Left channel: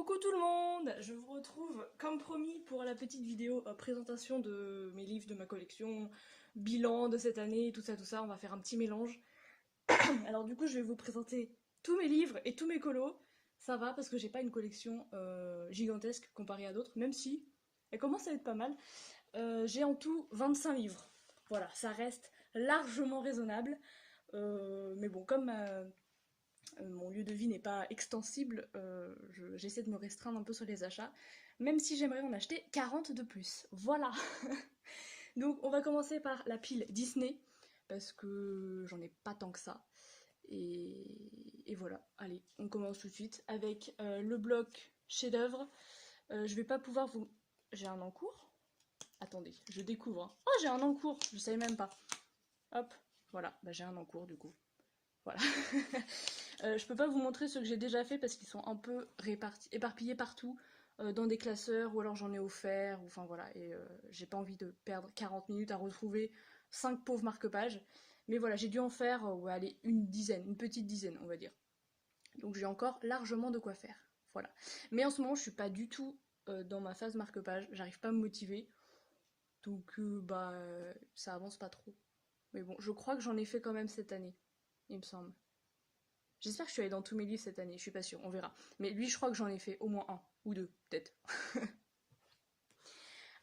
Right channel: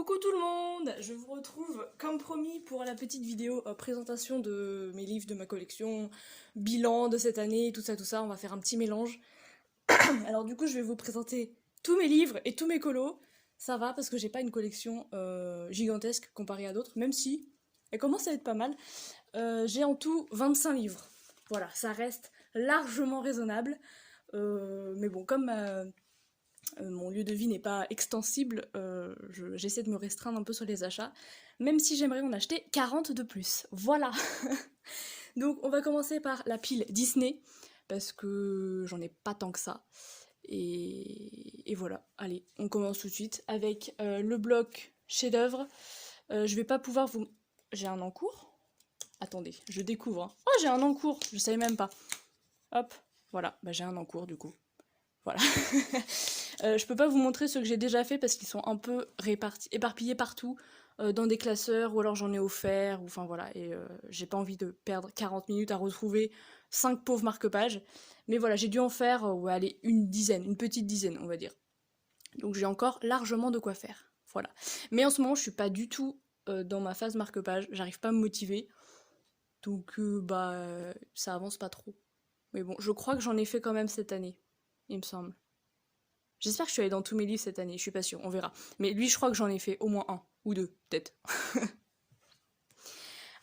Coucou tout le monde, je vous retrouve comme promis pour la petite vidéo présentation de mes livres de ma collection, bilan de cette année, tout ça, on va faire un petit mélange. Alors du coup je vais vous présenter tous mes livres et tous mes colos, ça va parce que j'ai pas une collection gigantesque comparée à d'autres, même si elle commence à être pas mal. J'ai en tout 25 livres, voilà, ça reste largement raisonnable, mais bon comme mon lieu de vie n'est pas extensible, j'essaie de me restreindre un peu sur les achats, même si j'aimerais en acheter 40 de plus. Voilà. Donc on va commencer par la pile Disney, parce que j'en ai pas tant que ça. Et voilà, allez, on commence tout de suite avec le bloc chef-d'œuvre. Je vais pas pouvoir vous... J'ai un encours. Attendez, je découvre, hein. Oh, j'ai un encours, je savais même pas. Hop, voilà, bah, j'ai un encours du coup. Voilà. Je peux pas vous montrer ceux que j'ai déjà fait parce qu'ils sont un peu éparpillés partout, dans des classeurs, ou alors j'en ai offert, ou enfin voilà, et j'ai pas envie de perdre 40 minutes à retrouver 5 pauvres marque-pages. Mais voilà, j'ai dû en faire, ouais, allez, une dizaine, une petite dizaine, on va dire. Donc j'ai encore largement de quoi faire. Voilà. Mais en ce moment, je suis pas du tout dans ma phase marque-page, j'arrive pas à me motiver, donc bah ça avance pas trop. Mais bon, je crois que j'en ai fait quand même cette année, il me semble. J'espère que je suis allée dans tous mes livres cette année, je suis pas sûre, on verra. Mais lui, je crois que j'en ai fait au moins un, ou deux, peut-être.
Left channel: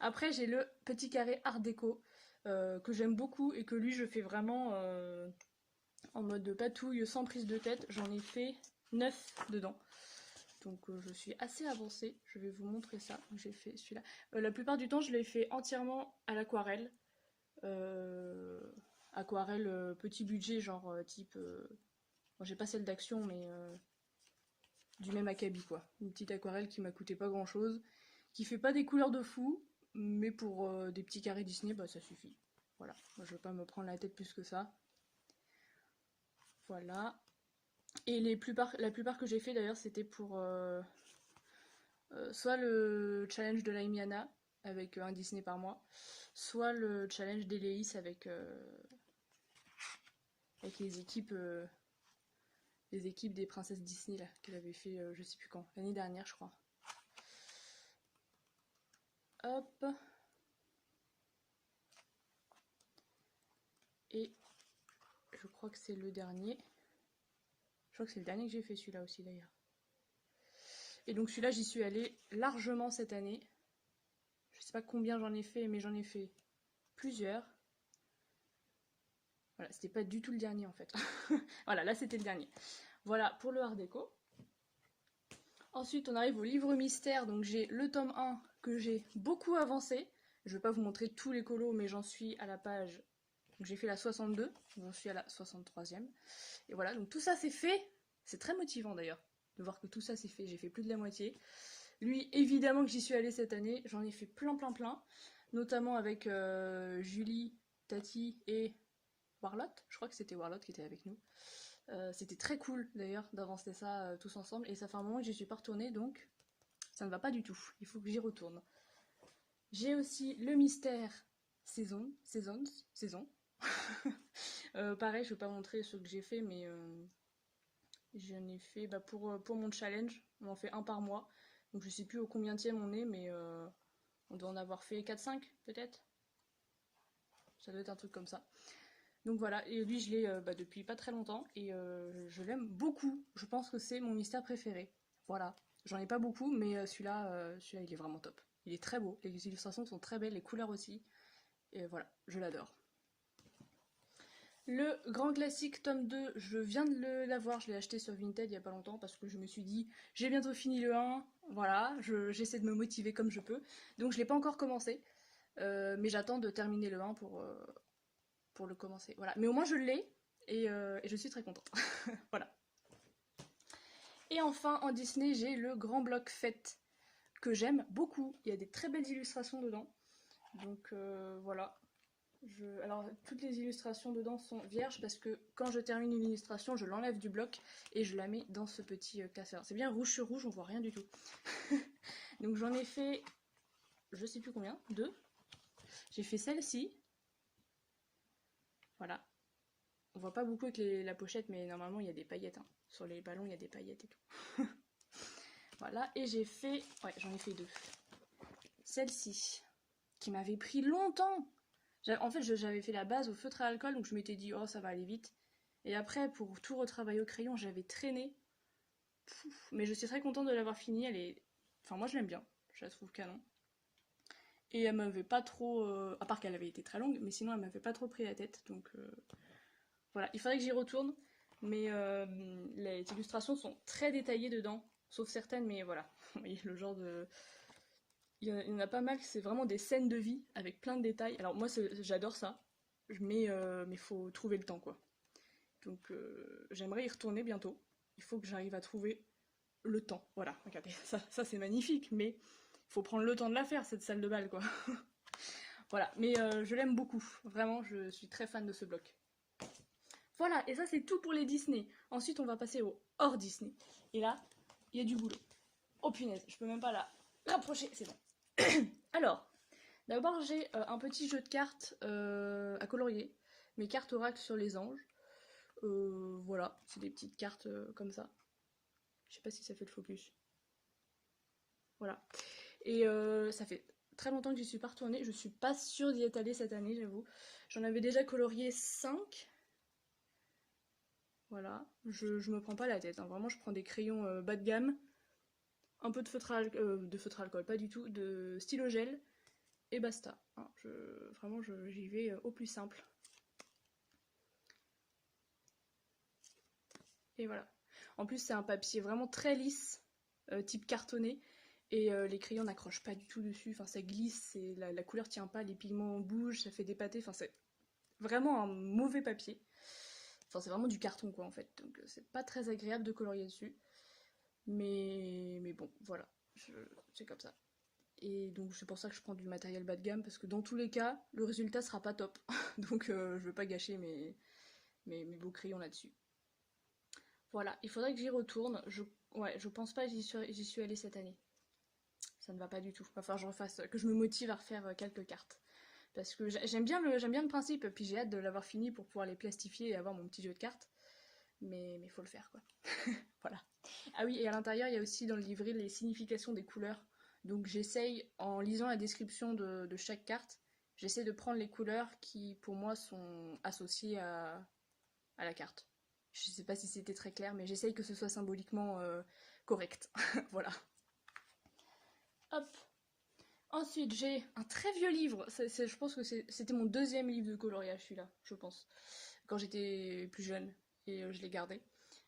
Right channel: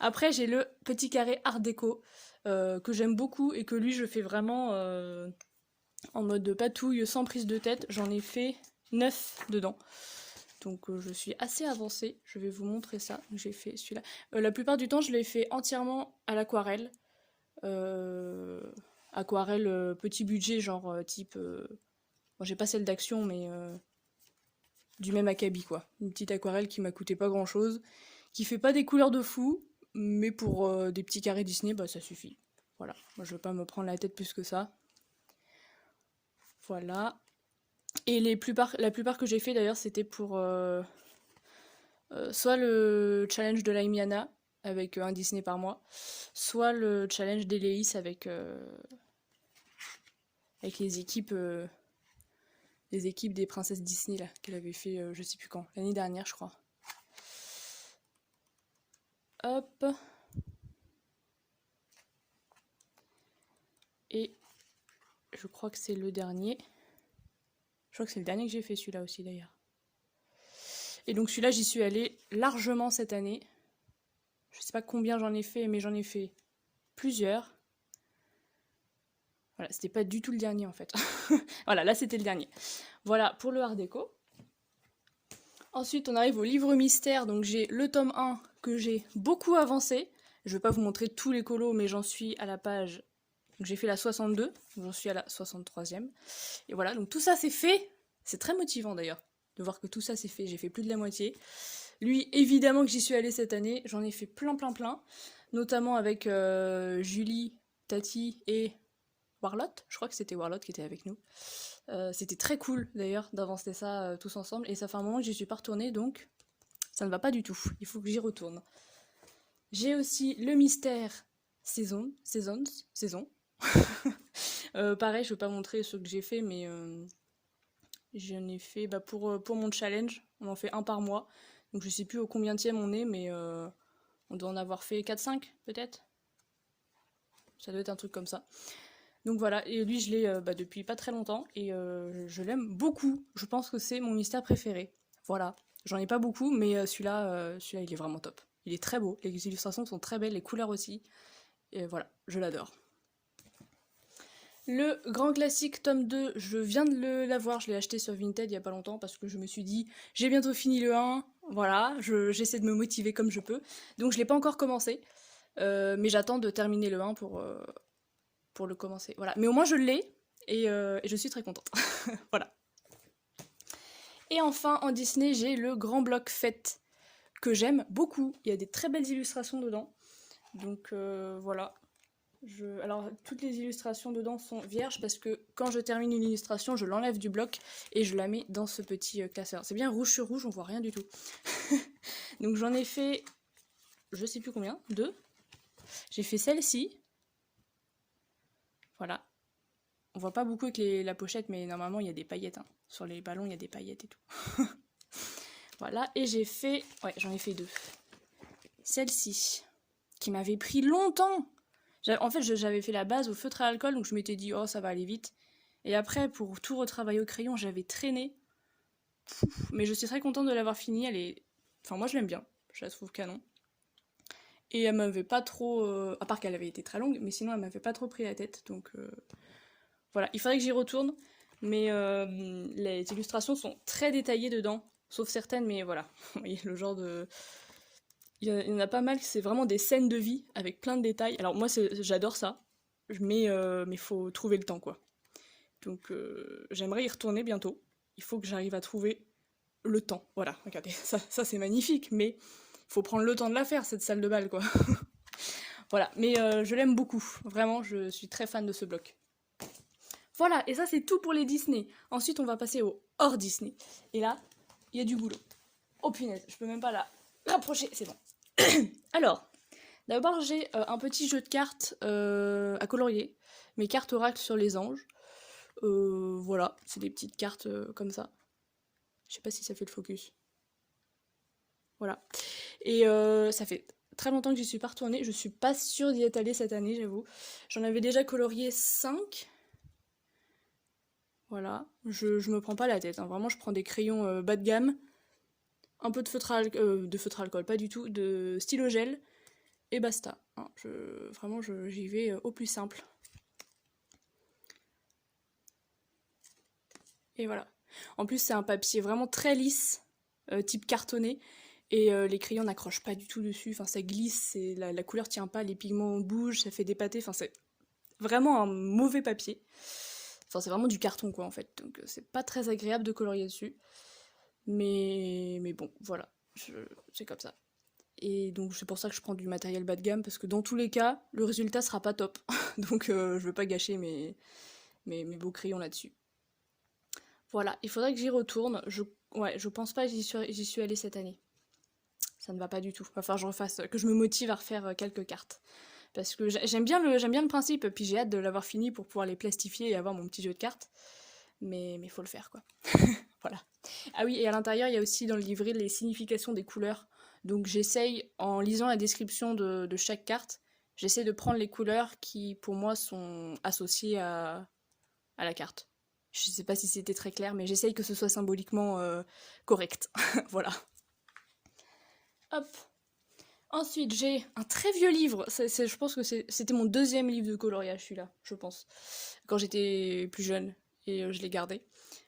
Après, j'ai le petit carré art déco, que j'aime beaucoup, et que lui, je fais vraiment en mode patouille, sans prise de tête. J'en ai fait 9 dedans. Donc je suis assez avancée, je vais vous montrer ça. J'ai fait celui-là. La plupart du temps, je l'ai fait entièrement à l'aquarelle. Euh, Aquarelle petit budget, genre type... Bon, j'ai pas celle d'action, mais du même acabit, quoi. Une petite aquarelle qui m'a coûté pas grand chose, qui fait pas des couleurs de fou, mais pour des petits carrés Disney, bah ça suffit. Voilà, moi je veux pas me prendre la tête plus que ça. Voilà. Et la plupart que j'ai fait d'ailleurs, c'était pour soit le challenge de l'Aimiana, avec un Disney par mois, soit le challenge d'Eleis avec les équipes des princesses Disney là, qu'elle avait fait je sais plus quand, l'année dernière je crois. Hop. Et je crois que c'est le dernier. Je crois que c'est le dernier que j'ai fait, celui-là aussi d'ailleurs. Et donc celui-là, j'y suis allée largement cette année. Je sais pas combien j'en ai fait, mais j'en ai fait plusieurs. Voilà, c'était pas du tout le dernier en fait. Voilà, là c'était le dernier. Voilà pour le art déco. Ensuite, on arrive au livre mystère. Donc j'ai le tome 1 que j'ai beaucoup avancé. Je vais pas vous montrer tous les colos, mais j'en suis à la page... Donc j'ai fait la 62, j'en suis à la 63e. Et voilà, donc tout ça c'est fait. C'est très motivant d'ailleurs de voir que tout ça c'est fait. J'ai fait plus de la moitié. Lui, évidemment que j'y suis allée cette année. J'en ai fait plein. Notamment avec Julie, Tati et Warlotte. Je crois que c'était Warlotte qui était avec nous. C'était très cool d'ailleurs d'avancer ça tous ensemble. Et ça fait un moment que j'y suis pas retournée, donc ça ne va pas du tout. Il faut que j'y retourne. J'ai aussi le mystère saison. Pareil, je ne vais pas montrer ce que j'ai fait, mais j'en ai fait pour mon challenge. On en fait un par mois. Donc je sais plus au combienième on est, mais on doit en avoir fait 4-5 peut-être. Ça doit être un truc comme ça. Donc voilà, et lui je l'ai depuis pas très longtemps, et je l'aime beaucoup. Je pense que c'est mon mystère préféré. Voilà, j'en ai pas beaucoup, mais celui-là il est vraiment top. Il est très beau, les illustrations sont très belles, les couleurs aussi. Et voilà, je l'adore. Le grand classique tome 2, je viens de l'avoir, je l'ai acheté sur Vinted il y a pas longtemps parce que je me suis dit j'ai bientôt fini le 1, voilà, j'essaie de me motiver comme je peux. Donc je l'ai pas encore commencé, mais j'attends de terminer le 1 pour le commencer. Voilà. Mais au moins je l'ai, et je suis très contente. Voilà. Et enfin en Disney j'ai le grand bloc fête que j'aime beaucoup. Il y a des très belles illustrations dedans. Donc voilà. Alors, toutes les illustrations dedans sont vierges parce que quand je termine une illustration, je l'enlève du bloc et je la mets dans ce petit classeur. C'est bien rouge sur rouge, on voit rien du tout. Donc j'en ai fait, je sais plus combien, 2. J'ai fait celle-ci. Voilà. On voit pas beaucoup avec la pochette, mais normalement il y a des paillettes. Hein. Sur les ballons, il y a des paillettes et tout. Voilà, et j'ai fait... Ouais, j'en ai fait 2. Celle-ci, qui m'avait pris longtemps. En fait, j'avais fait la base au feutre à alcool, donc je m'étais dit, oh, ça va aller vite. Et après, pour tout retravailler au crayon, j'avais traîné. Mais je suis très contente de l'avoir finie. Elle est... Enfin, moi, je l'aime bien. Je la trouve canon. Et elle m'avait pas trop... à part qu'elle avait été très longue, mais sinon, elle m'avait pas trop pris la tête. Donc, voilà. Il faudrait que j'y retourne. Mais les illustrations sont très détaillées dedans. Sauf certaines, mais voilà. Vous voyez, le genre de... Il y en a pas mal, c'est vraiment des scènes de vie avec plein de détails. Alors moi, j'adore ça, mais faut trouver le temps, quoi. Donc j'aimerais y retourner bientôt. Il faut que j'arrive à trouver le temps. Voilà, regardez, ça c'est magnifique, mais il faut prendre le temps de la faire, cette salle de bal, quoi. Voilà, mais je l'aime beaucoup. Vraiment, je suis très fan de ce bloc. Voilà, et ça c'est tout pour les Disney. Ensuite, on va passer au hors Disney. Et là, il y a du boulot. Oh punaise, je peux même pas la rapprocher, c'est bon. Alors, d'abord j'ai un petit jeu de cartes à colorier, mes cartes oracles sur les anges. Voilà, c'est des petites cartes comme ça. Je sais pas si ça fait le focus. Voilà. Et ça fait très longtemps que j'y suis pas retournée. Je suis pas sûre d'y être allée cette année, j'avoue. J'en avais déjà colorié 5. Voilà, je me prends pas la tête, hein. Vraiment je prends des crayons bas de gamme, un peu de feutre à alcool, pas du tout, de stylo gel, et basta. Hein. Vraiment j'y vais au plus simple. Et voilà. En plus c'est un papier vraiment très lisse, type cartonné, et les crayons n'accrochent pas du tout dessus, enfin ça glisse, la couleur tient pas, les pigments bougent, ça fait des pâtés, enfin c'est vraiment un mauvais papier. Enfin c'est vraiment du carton quoi en fait, donc c'est pas très agréable de colorier dessus. Mais bon, voilà, c'est comme ça. Et donc c'est pour ça que je prends du matériel bas de gamme, parce que dans tous les cas, le résultat sera pas top. Donc je veux pas gâcher mes beaux crayons là-dessus. Voilà, il faudrait que j'y retourne. Je pense pas que j'y suis allée cette année. Ça ne va pas du tout. Va falloir que je me motive à refaire quelques cartes. Parce que j'aime bien le principe, puis j'ai hâte de l'avoir fini pour pouvoir les plastifier et avoir mon petit jeu de cartes. Mais faut le faire quoi. Voilà. Ah oui, et à l'intérieur, il y a aussi dans le livret les significations des couleurs. Donc j'essaye, en lisant la description de chaque carte, j'essaie de prendre les couleurs qui, pour moi, sont associées à la carte. Je sais pas si c'était très clair, mais j'essaye que ce soit symboliquement correct. Voilà. Hop. Ensuite, j'ai un très vieux livre. Je pense que c'était mon 2e livre de coloriage, celui-là, je pense. Quand j'étais plus jeune, et je l'ai gardé.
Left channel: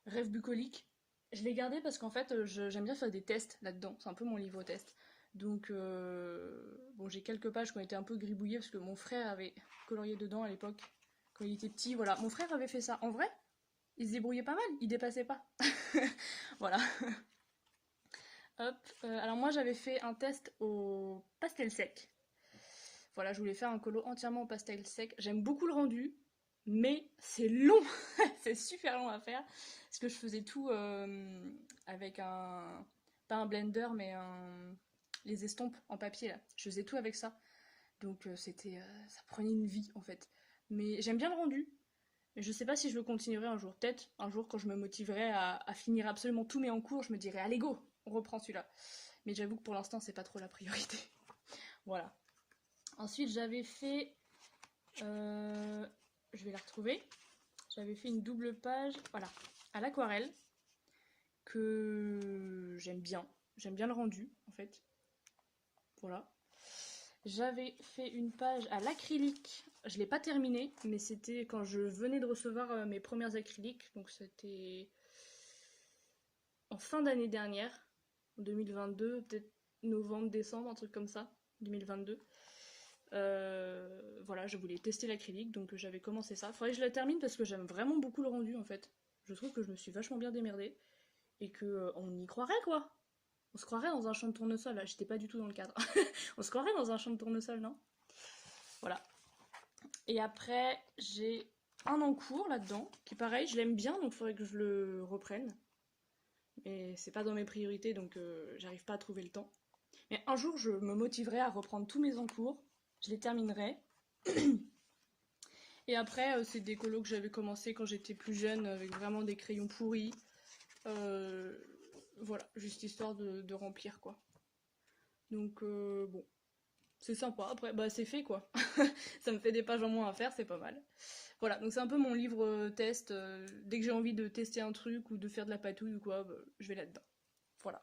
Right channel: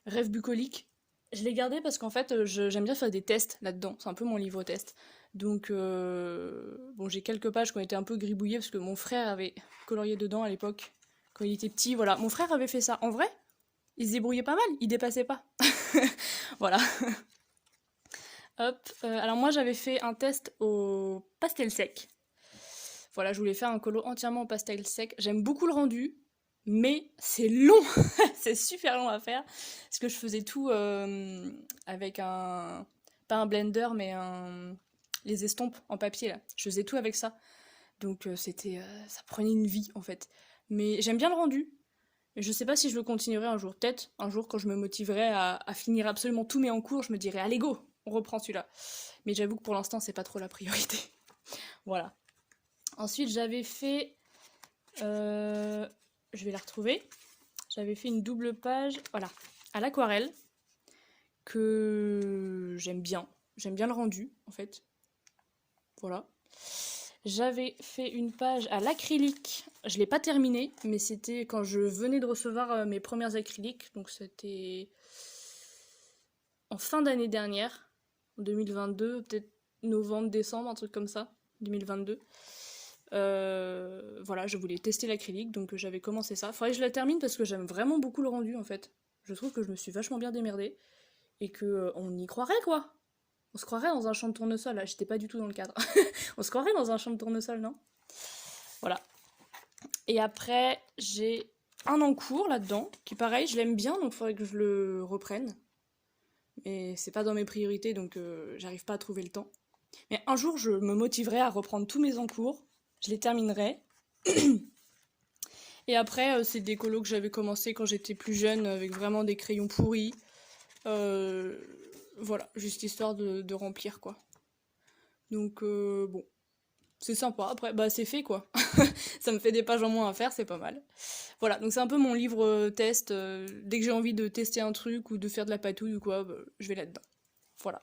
Rêve bucolique. Je l'ai gardé parce qu'en fait, j'aime bien faire des tests là-dedans. C'est un peu mon livre test. Donc, bon, j'ai quelques pages qui ont été un peu gribouillées parce que mon frère avait colorié dedans à l'époque, quand il était petit. Voilà, mon frère avait fait ça. En vrai, il se débrouillait pas mal, il dépassait pas. Voilà. Hop. Alors moi, j'avais fait un test au pastel sec. Voilà, je voulais faire un colo entièrement au pastel sec. J'aime beaucoup le rendu, mais c'est long. C'est super long à faire. Parce que je faisais tout avec un... Pas un blender, mais les estompes en papier, là. Je faisais tout avec ça. Donc ça prenait une vie, en fait. Mais j'aime bien le rendu. Mais je sais pas si je le continuerai un jour. Peut-être un jour, quand je me motiverai à finir absolument tous mes encours, je me dirai, allez go, on reprend celui-là. Mais j'avoue que pour l'instant, c'est pas trop la priorité. Voilà. Ensuite, j'avais fait... je vais la retrouver. J'avais fait une double page, voilà, à l'aquarelle, que j'aime bien. J'aime bien le rendu, en fait. Voilà. J'avais fait une page à l'acrylique. Je l'ai pas terminée, mais c'était quand je venais de recevoir mes premières acryliques. Donc c'était en fin d'année dernière, en 2022, peut-être novembre, décembre, un truc comme ça, 2022. Voilà, je voulais tester l'acrylique, donc j'avais commencé ça. Faudrait que je la termine parce que j'aime vraiment beaucoup le rendu en fait. Je trouve que je me suis vachement bien démerdée et que on y croirait quoi. On se croirait dans un champ de tournesol, là, j'étais pas du tout dans le cadre. On se croirait dans un champ de tournesol, non? Voilà. Et après, j'ai un en cours là-dedans, qui pareil, je l'aime bien, donc il faudrait que je le reprenne. Mais c'est pas dans mes priorités, donc j'arrive pas à trouver le temps. Mais un jour, je me motiverai à reprendre tous mes encours, je les terminerai. Et après, c'est des colos que j'avais commencé quand j'étais plus jeune, avec vraiment des crayons pourris. voilà, juste histoire de remplir quoi. Donc bon, c'est sympa. Après, bah c'est fait quoi. Ça me fait des pages en moins à faire, c'est pas mal. Voilà, donc c'est un peu mon livre test. Dès que j'ai envie de tester un truc ou de faire de la patouille ou quoi, bah, je vais là-dedans. Voilà.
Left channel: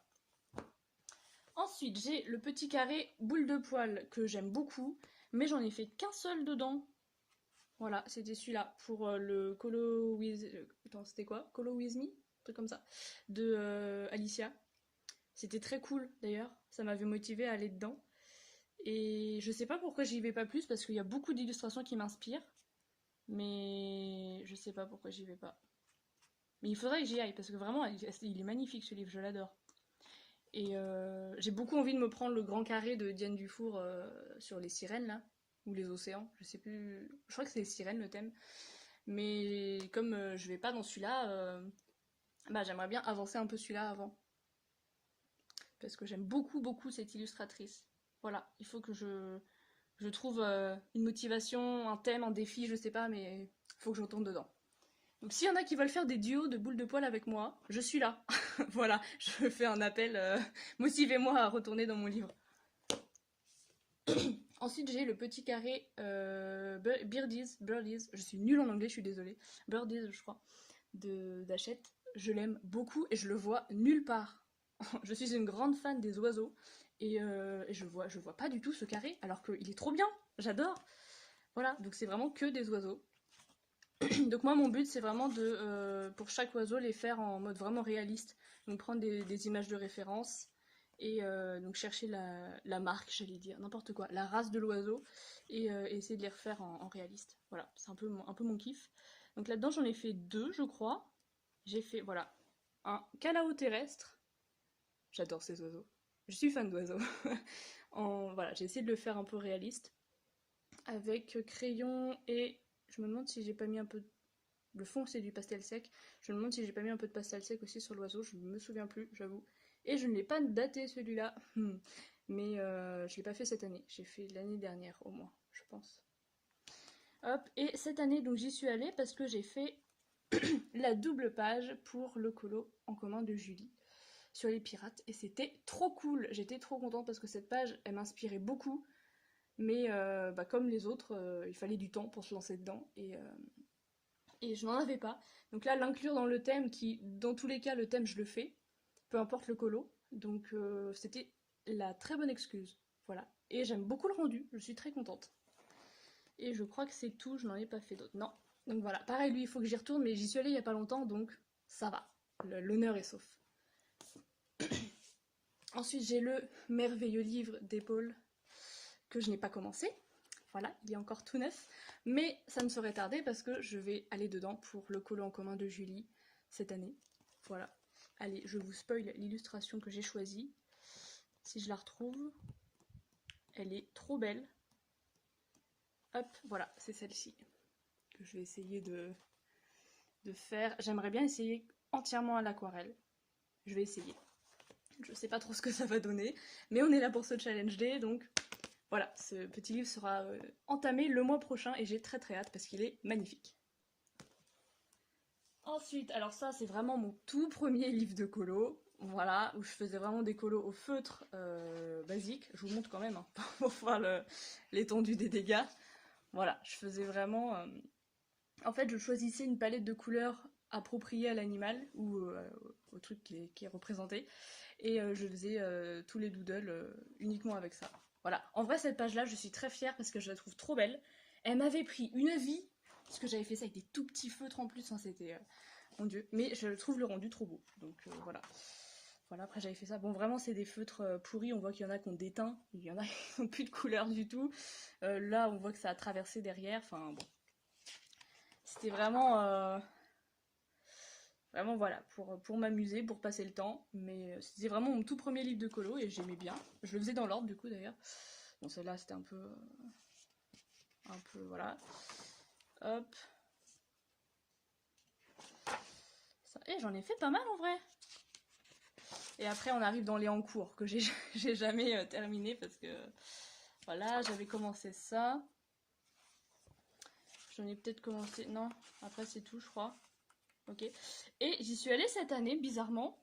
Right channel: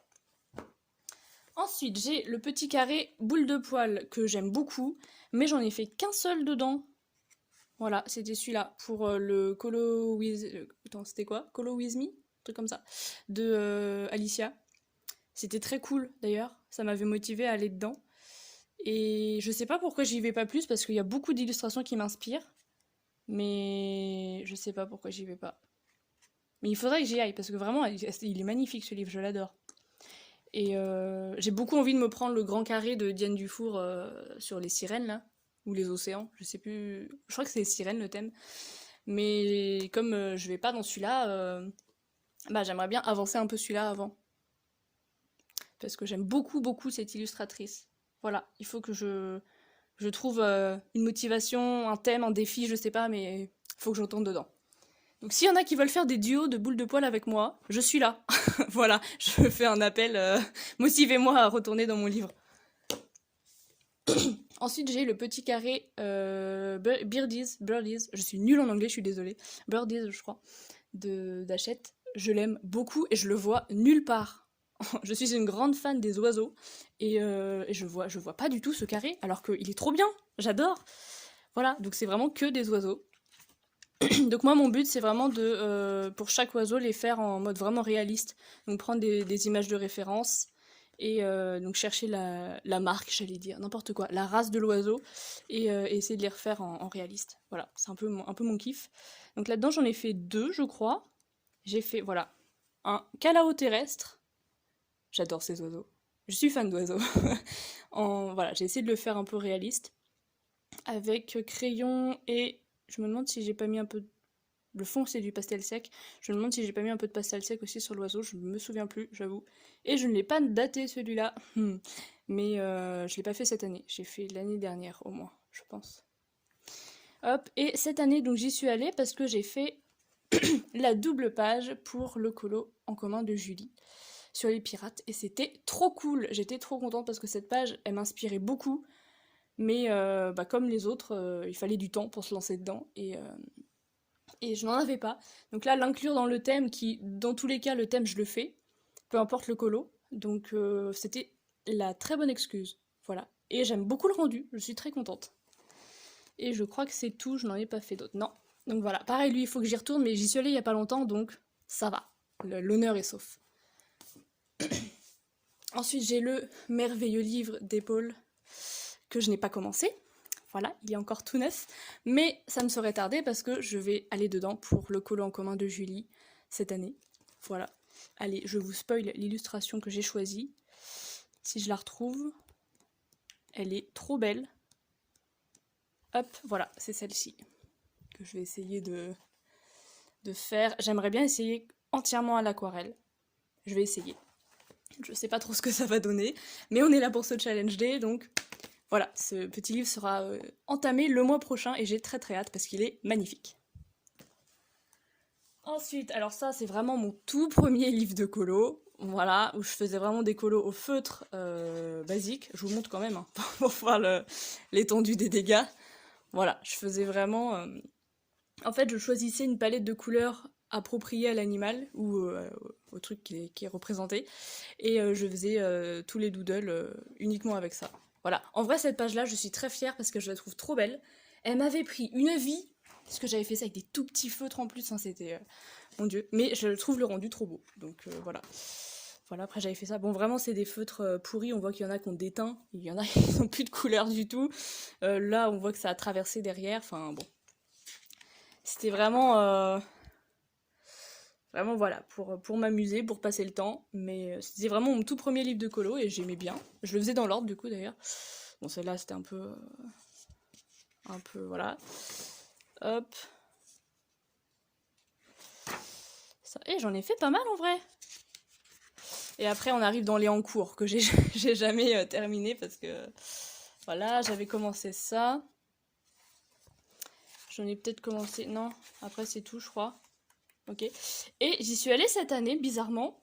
Ensuite, j'ai le petit carré boule de poil que j'aime beaucoup, mais j'en ai fait qu'un seul dedans. Voilà, c'était celui-là pour le Colo with... Attends, c'était quoi? Colo with me? Un truc comme ça. De Alicia. C'était très cool d'ailleurs, ça m'avait motivé à aller dedans. Et je sais pas pourquoi j'y vais pas plus, parce qu'il y a beaucoup d'illustrations qui m'inspirent, mais je sais pas pourquoi j'y vais pas. Mais il faudrait que j'y aille, parce que vraiment, il est magnifique ce livre, je l'adore. Et j'ai beaucoup envie de me prendre le grand carré de Diane Dufour sur les sirènes, là, ou les océans, je sais plus. Je crois que c'est les sirènes le thème. Mais comme je vais pas dans celui-là, bah, j'aimerais bien avancer un peu celui-là avant. Parce que j'aime beaucoup, beaucoup cette illustratrice. Voilà, il faut que je trouve une motivation, un thème, un défi, je sais pas, mais il faut que j'entende dedans. Donc s'il y en a qui veulent faire des duos de boules de poil avec moi, je suis là. Voilà, je fais un appel, motivez-moi à retourner dans mon livre. Ensuite, j'ai le petit carré Birdies, je suis nulle en anglais, je suis désolée. Birdies, je crois, d'Hachette. Je l'aime beaucoup et je le vois nulle part. Je suis une grande fan des oiseaux et je vois pas du tout ce carré alors qu'il est trop bien, j'adore. Voilà, donc c'est vraiment que des oiseaux. Donc moi mon but c'est vraiment de, pour chaque oiseau, les faire en mode vraiment réaliste. Donc prendre des images de référence et donc chercher la marque, j'allais dire, n'importe quoi, la race de l'oiseau et essayer de les refaire en réaliste. Voilà, c'est un peu mon kiff. Donc là-dedans j'en ai fait deux je crois. J'ai fait, voilà, un calao terrestre. J'adore ces oiseaux. Je suis fan d'oiseaux. Voilà, j'ai essayé de le faire un peu réaliste. Avec crayon et... Je me demande si j'ai pas mis un peu... Le fond, c'est du pastel sec. Je me demande si j'ai pas mis un peu de pastel sec aussi sur l'oiseau. Je me souviens plus, j'avoue. Et je ne l'ai pas daté, celui-là. Mais je l'ai pas fait cette année. J'ai fait l'année dernière, au moins, je pense. Hop, et cette année, donc j'y suis allée parce que j'ai fait la double page pour le colo en commun de Julie sur les pirates et c'était trop cool. J'étais trop contente parce que cette page, elle m'inspirait beaucoup, mais bah, comme les autres, il fallait du temps pour se lancer dedans et je n'en avais pas. Donc là, l'inclure dans le thème, qui, dans tous les cas, le thème, je le fais, peu importe le colo. Donc c'était la très bonne excuse. Voilà. Et j'aime beaucoup le rendu, je suis très contente. Et je crois que c'est tout, je n'en ai pas fait d'autres. Non. Donc voilà, pareil, lui, il faut que j'y retourne, mais j'y suis allée il y a pas longtemps, donc ça va. L'honneur est sauf. Ensuite, j'ai le merveilleux livre d'Épaule que je n'ai pas commencé. Voilà, il est encore tout neuf. Mais ça me serait tardé parce que je vais aller dedans pour le colo en commun de Julie cette année. Voilà. Allez, je vous spoil l'illustration que j'ai choisie. Si je la retrouve, elle est trop belle. Hop, voilà, c'est celle-ci que je vais essayer de faire. J'aimerais bien essayer entièrement à l'aquarelle. Je vais essayer. Je sais pas trop ce que ça va donner, mais on est là pour ce challenge day, donc voilà, ce petit livre sera entamé le mois prochain et j'ai très très hâte parce qu'il est magnifique. Ensuite, alors ça c'est vraiment mon tout premier livre de colo, voilà, où je faisais vraiment des colos au feutre basique. Je vous montre quand même hein, pour voir l'étendue des dégâts. Voilà, je faisais vraiment... En fait, je choisissais une palette de couleurs appropriée à l'animal ou au truc qui est représenté. Et je faisais tous les doodles uniquement avec ça. Voilà. En vrai, cette page-là, je suis très fière parce que je la trouve trop belle. Elle m'avait pris une vie, parce que j'avais fait ça avec des tout petits feutres en plus. Hein, c'était... mon Dieu. Mais je trouve le rendu trop beau. Donc voilà. Voilà, après j'avais fait ça. Bon, vraiment, c'est des feutres pourris. On voit qu'il y en a qui ont déteint. Il y en a qui n'ont plus de couleur du tout. Là, on voit que ça a traversé derrière. Enfin, bon. C'était vraiment... Vraiment, voilà, pour m'amuser, pour passer le temps. Mais c'était vraiment mon tout premier livre de colo et j'aimais bien. Je le faisais dans l'ordre, du coup, d'ailleurs. Bon, celle-là, c'était un peu... voilà. Hop. Ça... Et j'en ai fait pas mal, en vrai. Et après, on arrive dans les en cours, que j'ai j'ai jamais terminé, parce que... Voilà, j'avais commencé ça. J'en ai peut-être commencé... Non, après, c'est tout, je crois. Ok. Et j'y suis allée cette année, bizarrement.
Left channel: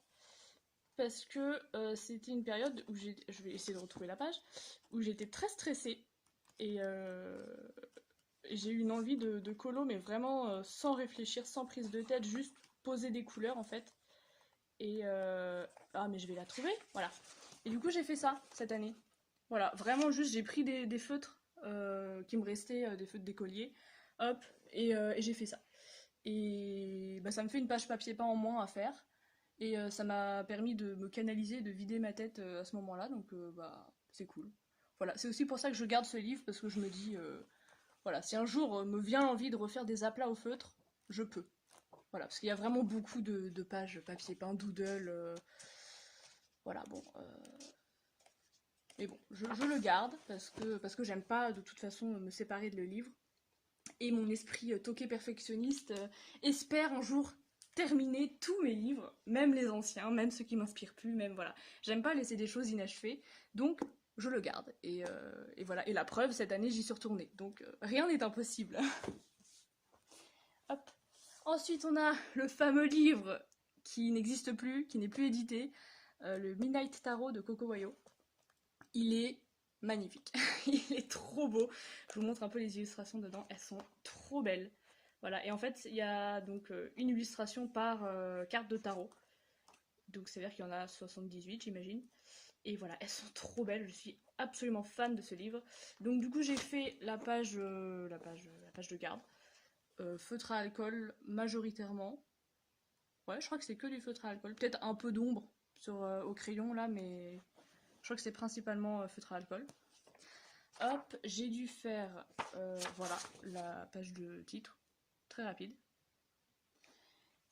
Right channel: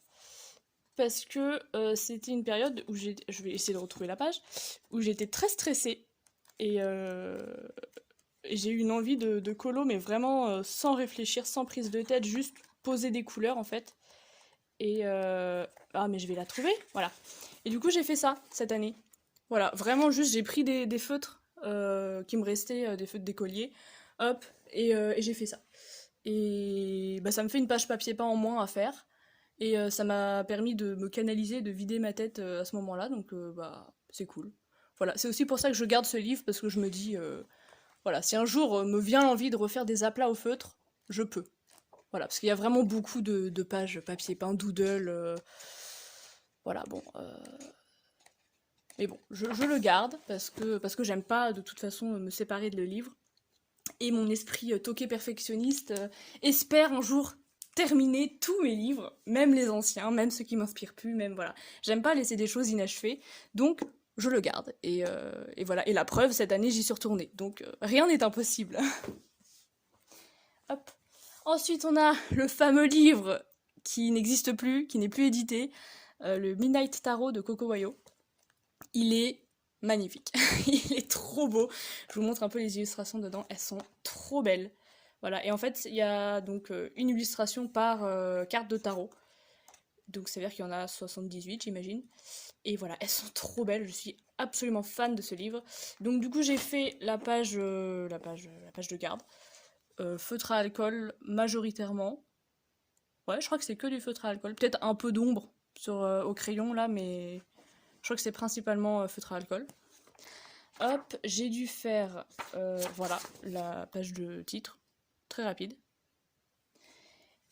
parce que c'était une période où je vais essayer de retrouver la page, où j'étais très stressée et, et j'ai eu une envie de colo, mais vraiment sans réfléchir, sans prise de tête, juste poser des couleurs en fait. Et ah mais je vais la trouver, voilà. Et du coup j'ai fait ça cette année. Voilà, vraiment juste j'ai pris des feutres qui me restaient, des feutres d'écolier, hop, et j'ai fait ça. Et bah, ça me fait une page papier peint en moins à faire. Et ça m'a permis de me canaliser, de vider ma tête à ce moment-là, donc bah c'est cool. Voilà, c'est aussi pour ça que je garde ce livre, parce que je me dis, voilà, si un jour me vient l'envie de refaire des aplats au feutre, je peux. Voilà, parce qu'il y a vraiment beaucoup de pages papier peint, doodle, voilà, bon. Mais bon, je le garde, parce que j'aime pas de toute façon me séparer de le livre. Et mon esprit toqué perfectionniste espère un jour terminer tous mes livres, même les anciens, même ceux qui m'inspirent plus, même voilà. J'aime pas laisser des choses inachevées, donc je le garde. Et voilà. Et la preuve, cette année, j'y suis retournée. Donc rien n'est impossible. Hop. Ensuite, on a le fameux livre qui n'existe plus, qui n'est plus édité, le Midnight Tarot de Coco Wayo. Il est magnifique. Il est trop beau. Je vous montre un peu les illustrations dedans. Elles sont trop belles. Voilà. Et en fait, il y a donc une illustration par carte de tarot. Donc ça veut dire qu'il y en a 78, j'imagine. Et voilà, elles sont trop belles. Je suis absolument fan de ce livre. Donc du coup, j'ai fait la page de garde. Feutre à alcool majoritairement. Ouais, je crois que c'est que du feutre à alcool. Peut-être un peu d'ombre au crayon là, mais je crois que c'est principalement feutre à alcool. Hop, j'ai dû faire, voilà, la page de titre, très rapide.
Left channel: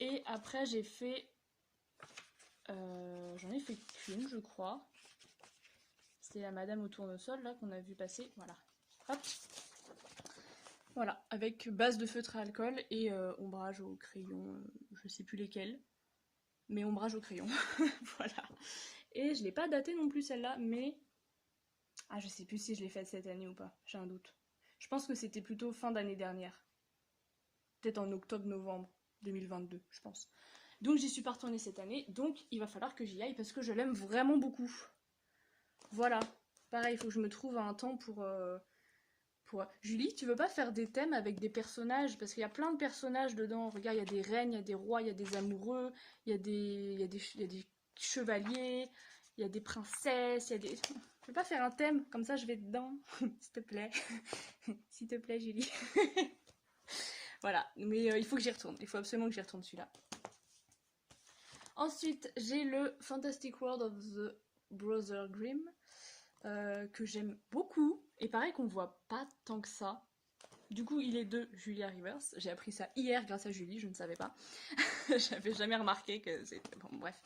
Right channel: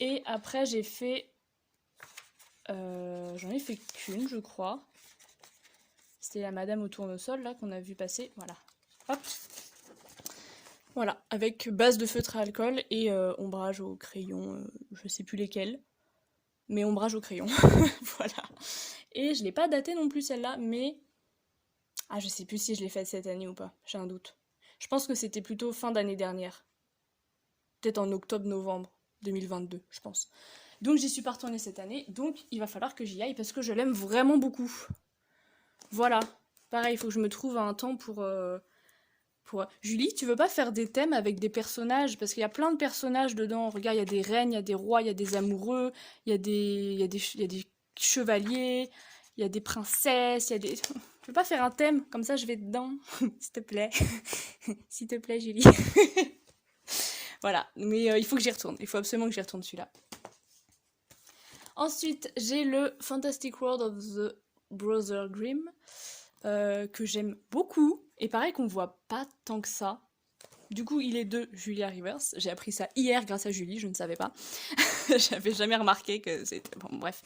Et après j'ai fait, j'en ai fait qu'une je crois. C'était la Madame au tournesol là qu'on a vu passer, voilà. Hop. Voilà, avec base de feutre à alcool et ombrage au crayon, je sais plus lesquels, mais ombrage au crayon, voilà. Et je l'ai pas datée non plus celle-là, mais ah, je sais plus si je l'ai faite cette année ou pas, j'ai un doute. Je pense que c'était plutôt fin d'année dernière. Peut-être en octobre-novembre 2022, je pense. Donc j'y suis pas retournée cette année, donc il va falloir que j'y aille parce que je l'aime vraiment beaucoup. Voilà. Pareil, il faut que je me trouve un temps pour... Julie, tu veux pas faire des thèmes avec des personnages? Parce qu'il y a plein de personnages dedans. Regarde, il y a des reines, il y a des rois, il y a des amoureux, il y a des chevaliers, il y a des princesses, il y a des... Tu veux pas faire un thème? Comme ça, je vais dedans. S'il te plaît. S'il te plaît, Julie. Voilà. Mais il faut que j'y retourne. Il faut absolument que j'y retourne celui-là. Ensuite, j'ai le Fantastic World of the Brother Grimm, que j'aime beaucoup. Et pareil qu'on voit pas tant que ça. Du coup, il est de Julia Rivers. J'ai appris ça hier grâce à Julie, je ne savais pas. J'avais jamais remarqué que c'était... Bon, bref.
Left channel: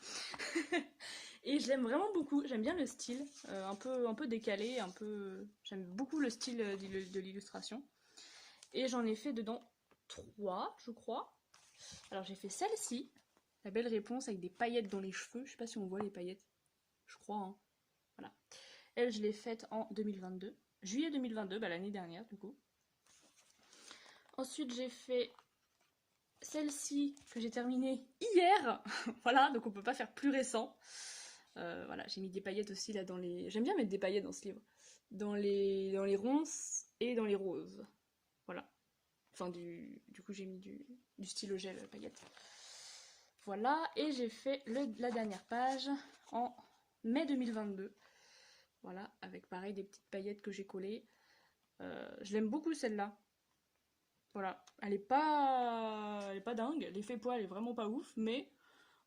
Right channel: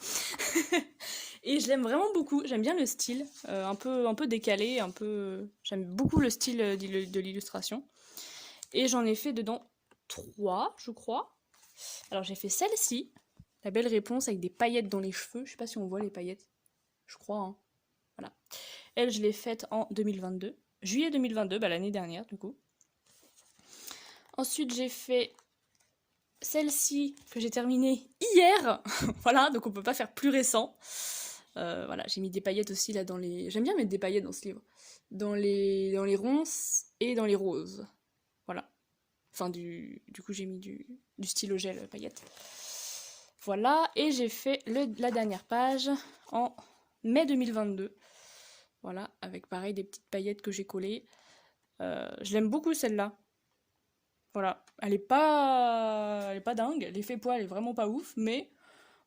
Et je l'aime vraiment beaucoup. J'aime bien le style, un peu décalé, un peu... J'aime beaucoup le style de l'illustration. Et j'en ai fait dedans 3, je crois. Alors j'ai fait celle-ci, la belle réponse avec des paillettes dans les cheveux. Je sais pas si on voit les paillettes. Je crois, hein. Voilà. Elle, je l'ai faite en 2022. Juillet 2022, bah, l'année dernière, du coup. Ensuite, j'ai fait celle-ci que j'ai terminée hier. Voilà, donc on peut pas faire plus récent. Voilà, j'ai mis des paillettes aussi là dans les... J'aime bien mettre des paillettes dans ce livre. Dans les ronces et dans les roses. Voilà. Enfin, du coup, j'ai mis du stylo gel paillettes. Voilà, et j'ai fait la dernière page en mai 2022. Voilà, avec pareil des petites paillettes que j'ai collées. Je l'aime beaucoup celle-là. Voilà, elle est pas dingue, l'effet poil est vraiment pas ouf, mais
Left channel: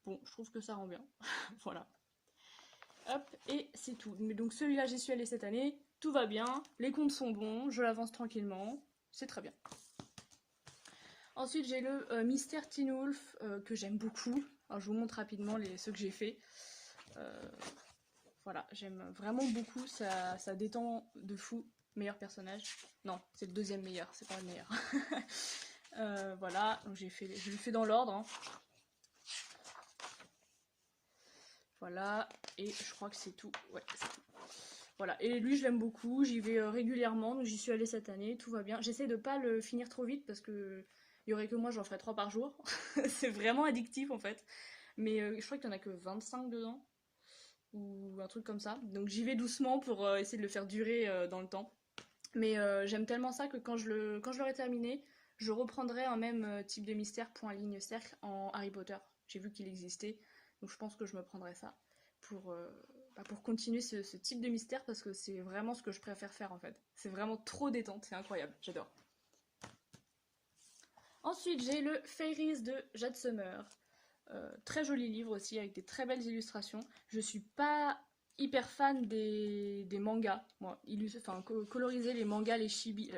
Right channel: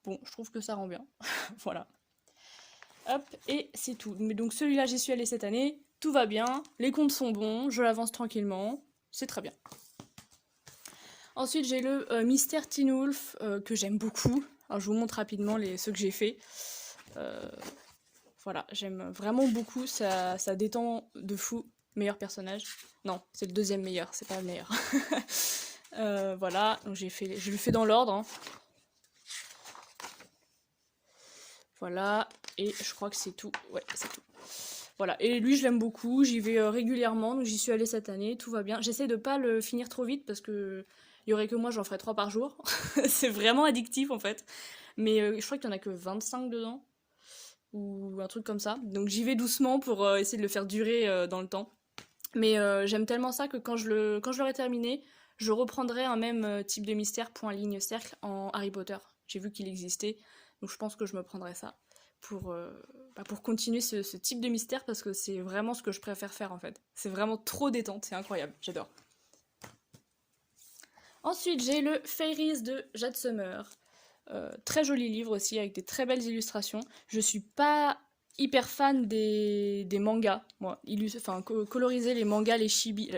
bon, je trouve que ça rend bien. Voilà. Hop, et c'est tout. Mais donc celui-là, j'y suis allée cette année, tout va bien, les comptes sont bons, je l'avance tranquillement, c'est très bien. Ensuite, j'ai le Mystère Teen Wolf que j'aime beaucoup. Alors, je vous montre rapidement ceux que j'ai fait. Voilà, j'aime vraiment beaucoup, ça détend de fou. Meilleur personnage. Non, c'est le deuxième meilleur, c'est pas le meilleur. Voilà, donc je le fais dans l'ordre. Hein. Voilà, et je crois que c'est tout. Ouais, c'est tout. Voilà, et lui je l'aime beaucoup, j'y vais régulièrement, donc j'y suis allée cette année, tout va bien. J'essaie de pas le finir trop vite parce que il y aurait que moi, j'en ferais 3 par jour. C'est vraiment addictif en fait. Mais je crois qu'il y en a que 25 dedans. ou un truc comme ça. Donc j'y vais doucement pour essayer de le faire durer dans le temps. Mais j'aime tellement ça que quand je l'aurai terminé, je reprendrai un même type de mystère, point, ligne, cercle, en Harry Potter. J'ai vu qu'il existait, donc je pense que je me prendrai ça pour, pour continuer ce type de mystère parce que c'est vraiment ce que je préfère faire en fait. C'est vraiment trop détente, c'est incroyable, j'adore. Ensuite, j'ai le Fairies de Jade Summer. Très joli livre aussi, avec des très belles illustrations. Je suis pas hyper fan des mangas. Moi, coloriser les mangas, les chibi,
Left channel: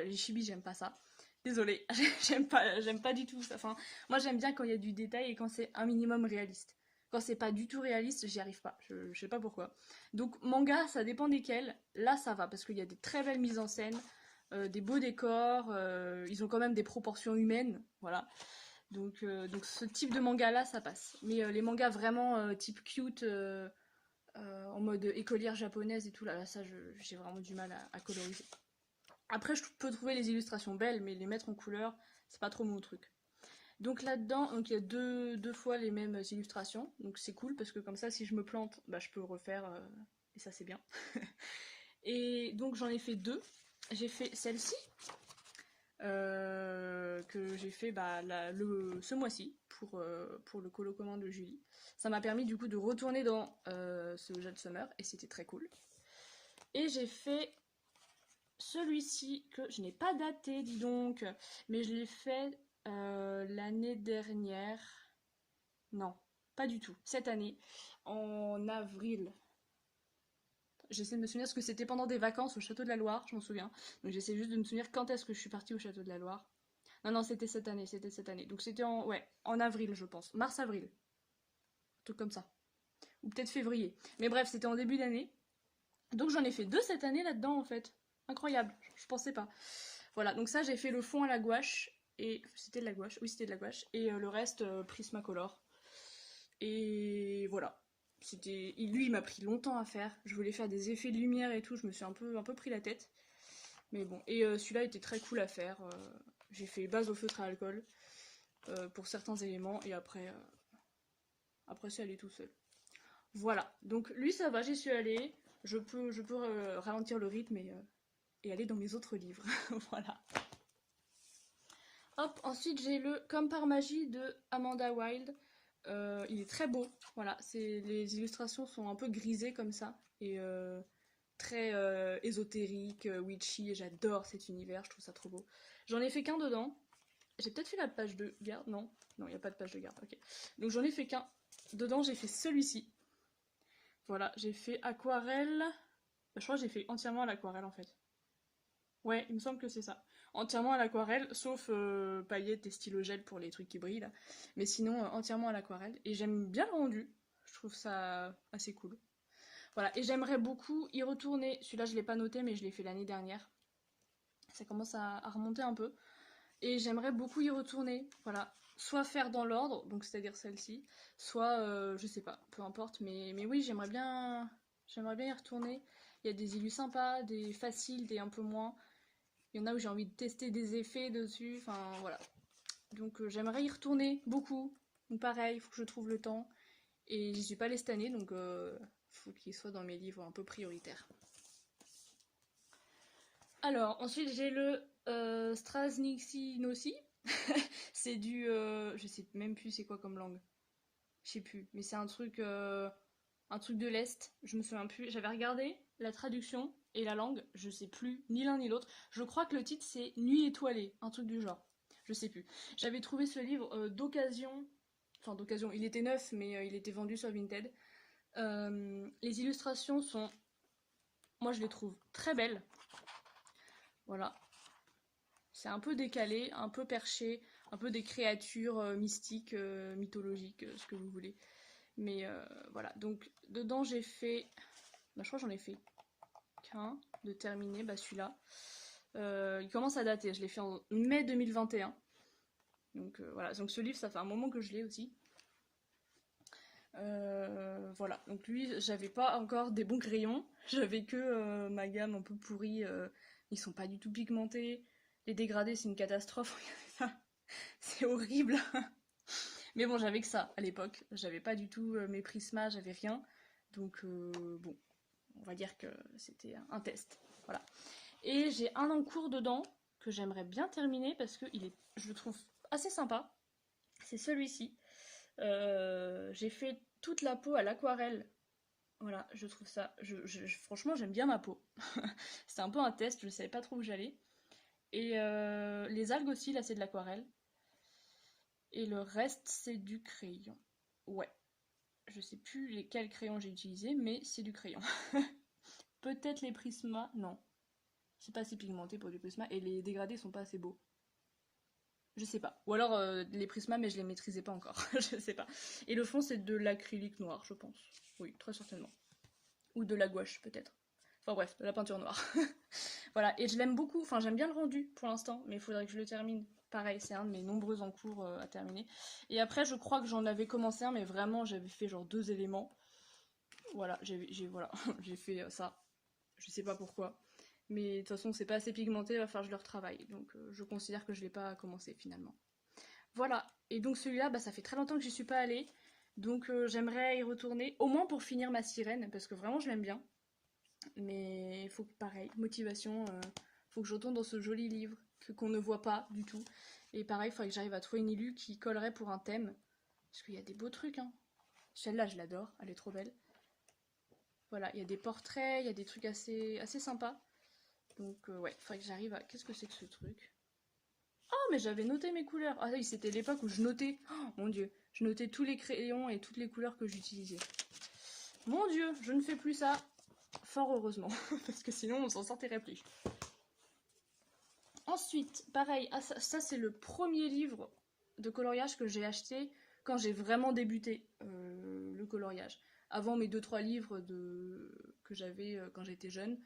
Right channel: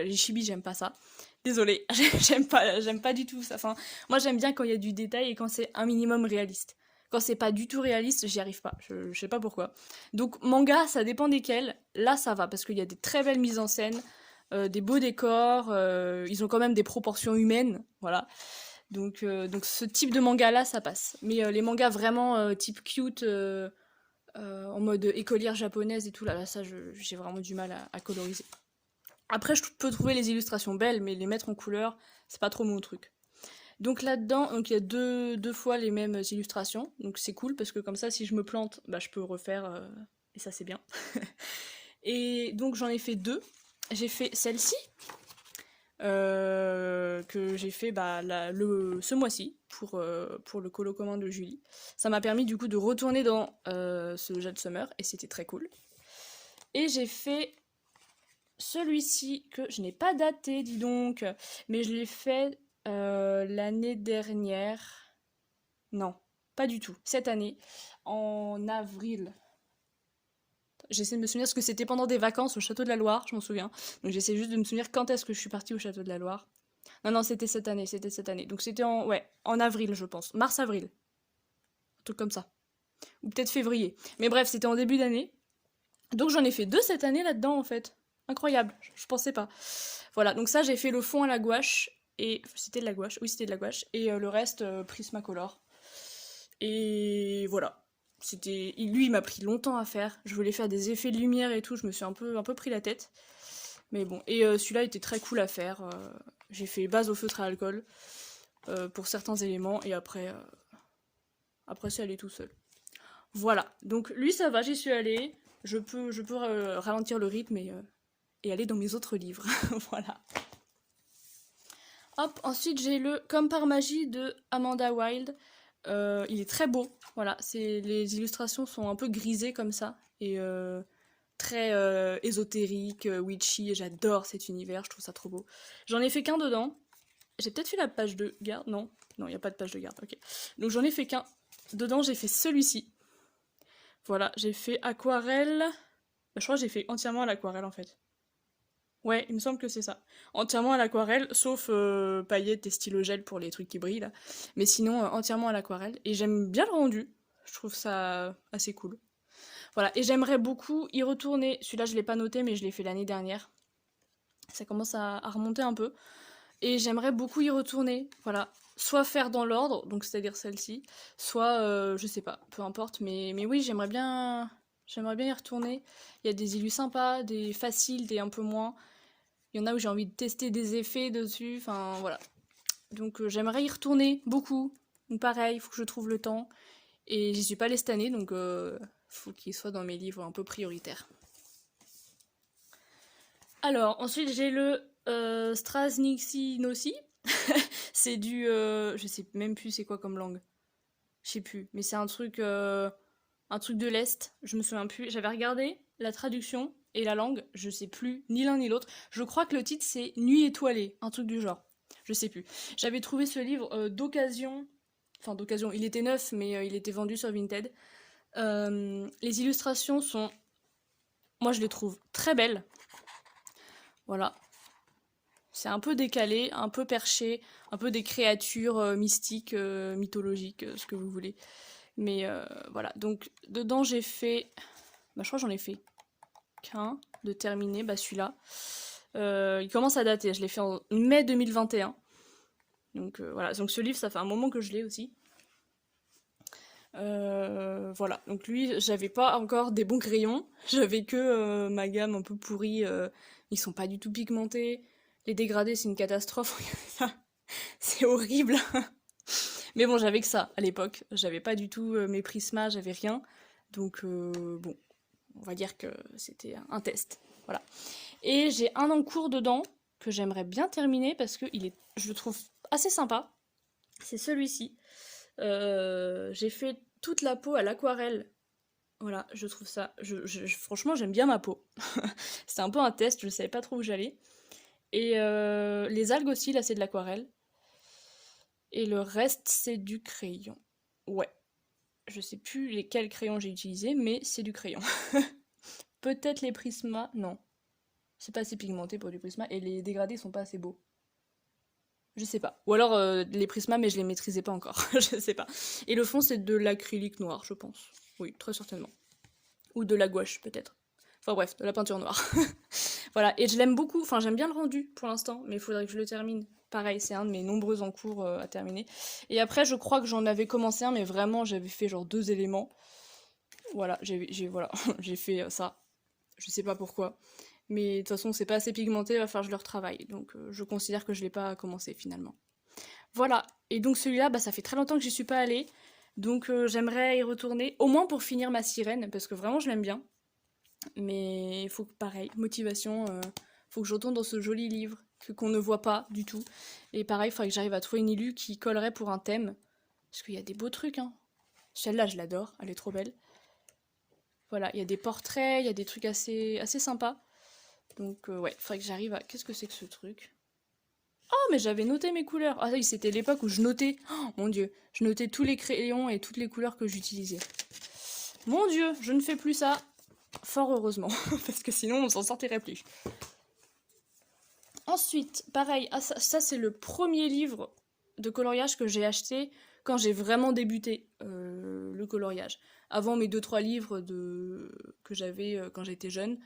j'aime pas ça. Désolée, j'aime pas du tout ça. Enfin, moi, j'aime bien quand il y a du détail et quand c'est un minimum réaliste. Quand c'est pas du tout réaliste, j'y arrive pas. Je sais pas pourquoi. Donc, manga, ça dépend desquels. Là, ça va, parce qu'il y a des très belles mises en scène, des beaux décors, ils ont quand même des proportions humaines, voilà. Donc ce type de manga-là, ça passe. Mais les mangas vraiment type cute, en mode écolière japonaise et tout, là ça, j'ai vraiment du mal à coloriser. Après, je peux trouver les illustrations belles, mais les mettre en couleur, c'est pas trop mon truc. Donc là-dedans, donc il y a deux fois les mêmes illustrations, donc c'est cool parce que comme ça, si je me plante, bah, je peux refaire, et ça c'est bien. Et donc j'en ai fait deux. J'ai fait celle-ci, que j'ai fait ce mois-ci pour le colo commun de Julie. Ça m'a permis du coup de retourner dans ce Jade Summer et c'était très cool. Et j'ai fait celui-ci que je n'ai pas daté, dis donc, mais je l'ai fait l'année dernière. Non, pas du tout. Cette année, en avril. J'essaie de me souvenir parce que c'était pendant des vacances au Château de la Loire, je m'en souviens. Donc j'essaie juste de me souvenir quand est-ce que je suis partie au Château de la Loire. Non, c'était cette année, c'était cette année. Donc c'était en avril, je pense. Mars-avril. Un truc comme ça. Ou peut-être février. Mais bref, c'était en début d'année. Donc j'en ai fait deux cette année là-dedans, en fait. Incroyable, je pensais pas. Voilà, donc ça, j'ai fait le fond à la gouache. Et c'était de la gouache, oui, c'était de la gouache. Et le reste, Prismacolor. Et voilà. Lui, il m'a pris longtemps à faire. Je voulais faire des effets de lumière et tout, je me suis un peu pris la tête. Mais bon, et celui-là était très cool à faire. J'ai fait base au feutre à alcool pour certains éléments et après c'est allé tout seul. Voilà, donc lui ça va, j'y suis allée. Je peux ralentir le rythme et aller dans mes autres livres. Voilà. Hop, ensuite j'ai le Comme par magie de Amanda Wilde. Il est très beau, voilà, les illustrations sont un peu grisées comme ça et très ésotérique, witchy, et j'adore cet univers, je trouve ça trop beau. J'en ai fait qu'un dedans. J'ai peut-être fait la page de garde, non, il n'y a pas de page de garde, ok. Donc j'en ai fait qu'un. Dedans, j'ai fait celui-ci. Voilà, j'ai fait aquarelle. Bah, je crois que j'ai fait entièrement à l'aquarelle en fait. Ouais, il me semble que c'est ça. Entièrement à l'aquarelle, sauf paillettes et stylo gel pour les trucs qui brillent là. Mais sinon, entièrement à l'aquarelle. Et j'aime bien le rendu. Je trouve ça assez cool. Voilà, et j'aimerais beaucoup y retourner. Celui-là, je l'ai pas noté, mais je l'ai fait l'année dernière. Ça commence à remonter un peu. Et j'aimerais beaucoup y retourner. Voilà, soit faire dans l'ordre, donc c'est-à-dire celle-ci, soit, je sais pas, peu importe. Mais oui, j'aimerais bien y retourner. Il y a des illus sympas, des faciles, des un peu moins. Il y en a où j'ai envie de tester des effets dessus. Enfin, voilà. Donc j'aimerais y retourner beaucoup. Donc pareil, il faut que je trouve le temps. Et j'y suis pas allée cette année, donc faut qu'il soit dans mes livres un peu prioritaires. Alors, ensuite j'ai le Strasniksinosi. C'est du... je sais même plus c'est quoi comme langue. Je sais plus. Mais c'est un truc de l'Est. Je me souviens plus. J'avais regardé la traduction et la langue. Je sais plus ni l'un ni l'autre. Je crois que le titre c'est Nuit étoilée. Un truc du genre. Je sais plus. J'avais trouvé ce livre d'occasion. Enfin d'occasion. Il était neuf mais il était vendu sur Vinted. Les illustrations sont... Moi je les trouve très belles. Voilà. C'est un peu décalé, un peu perché, un peu des créatures mystiques, mythologiques, ce que vous voulez. Mais voilà, donc dedans j'ai fait... Bah, je crois que j'en ai fait qu'un de terminé, bah celui-là. Il commence à dater, je l'ai fait en mai 2021. Donc voilà, donc ce livre ça fait un moment que je l'ai aussi. Voilà, donc lui j'avais pas encore des bons crayons, j'avais que ma gamme un peu pourrie, ils sont pas du tout pigmentés. Les dégradés, c'est une catastrophe. C'est horrible. Mais bon, j'avais que ça à l'époque. J'avais pas du tout mes prismas, j'avais rien. Donc bon, on va dire que c'était un test. Voilà. Et j'ai un en cours dedans que j'aimerais bien terminer parce que je le trouve assez sympa. C'est celui-ci. J'ai fait toute la peau à l'aquarelle. Voilà, je trouve ça... franchement, j'aime bien ma peau. C'était un peu un test, je savais pas trop où j'allais. Et les algues aussi, là, c'est de l'aquarelle. Et le reste, c'est du crayon. Ouais. Je sais plus lesquels crayons j'ai utilisés, mais c'est du crayon. Peut-être les Prisma... Non. C'est pas assez pigmenté pour du Prisma, et les dégradés sont pas assez beaux. Je sais pas. Ou alors les Prisma, mais je les maîtrisais pas encore. Je sais pas. Et le fond, c'est de l'acrylique noir, je pense. Oui, très certainement. Ou de la gouache, peut-être. Enfin bref, de la peinture noire. Voilà, et je l'aime beaucoup. Enfin, j'aime bien le rendu pour l'instant, mais il faudrait que je le termine. Pareil, c'est un de mes nombreux en cours à terminer. Et après, je crois que j'en avais commencé un, mais vraiment, j'avais fait genre 2 éléments. Voilà, voilà, j'ai fait ça. Je sais pas pourquoi. Mais de toute façon, c'est pas assez pigmenté, il va falloir que je le retravaille. Donc je considère que je l'ai pas commencé finalement. Voilà, et donc celui-là, bah, ça fait très longtemps que j'y suis pas allée. Donc j'aimerais y retourner, au moins pour finir ma sirène, parce que vraiment je l'aime bien. Mais il faut que, pareil, motivation, faut que je retourne dans ce joli livre qu'on ne voit pas du tout. Et pareil, il faudrait que j'arrive à trouver une illu qui collerait pour un thème. Parce qu'il y a des beaux trucs, hein. Celle-là, je l'adore, elle est trop belle. Voilà, il y a des portraits, il y a des trucs assez sympas. Donc ouais, faudrait que j'arrive à... Qu'est-ce que c'est que ce truc? Oh, mais j'avais noté mes couleurs. Ah oui, c'était l'époque où je notais... Oh, mon Dieu, je notais tous les crayons et toutes les couleurs que j'utilisais. Mon Dieu, je ne fais plus ça. Fort heureusement, parce que sinon on s'en sortirait plus. Ensuite, pareil, ça c'est le premier livre de coloriage que j'ai acheté quand j'ai vraiment débuté le coloriage. Avant mes 2-3 livres que j'avais quand j'étais jeune.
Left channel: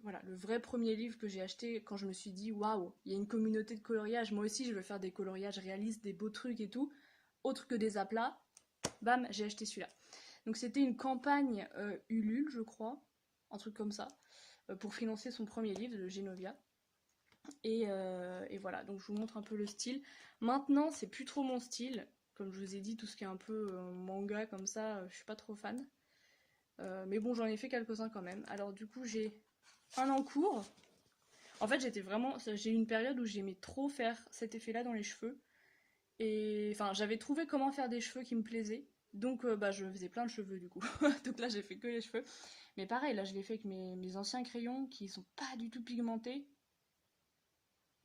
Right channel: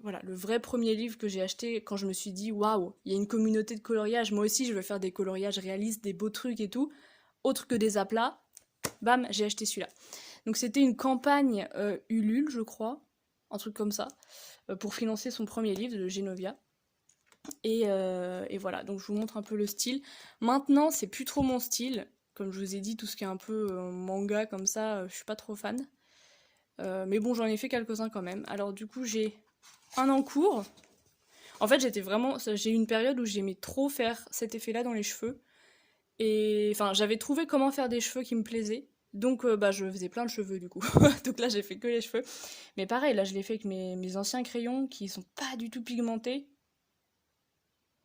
Voilà, le vrai premier livre que j'ai acheté quand je me suis dit waouh, il y a une communauté de coloriage, moi aussi je veux faire des coloriages réalistes, des beaux trucs et tout, autre que des aplats, bam, j'ai acheté celui-là. Donc c'était une campagne Ulule, je crois, un truc comme ça, pour financer son premier livre de Genovia. Et voilà, donc je vous montre un peu le style. Maintenant, c'est plus trop mon style, comme je vous ai dit, tout ce qui est un peu manga comme ça, je suis pas trop fan. Mais bon, j'en ai fait quelques-uns quand même. Alors du coup, j'ai un en cours. En fait, j'ai eu une période où j'aimais trop faire cet effet-là dans les cheveux. Et enfin, j'avais trouvé comment faire des cheveux qui me plaisaient. Donc, bah, je faisais plein de cheveux du coup. Donc là, j'ai fait que les cheveux. Mais pareil, là, je l'ai fait avec mes anciens crayons qui sont pas du tout pigmentés.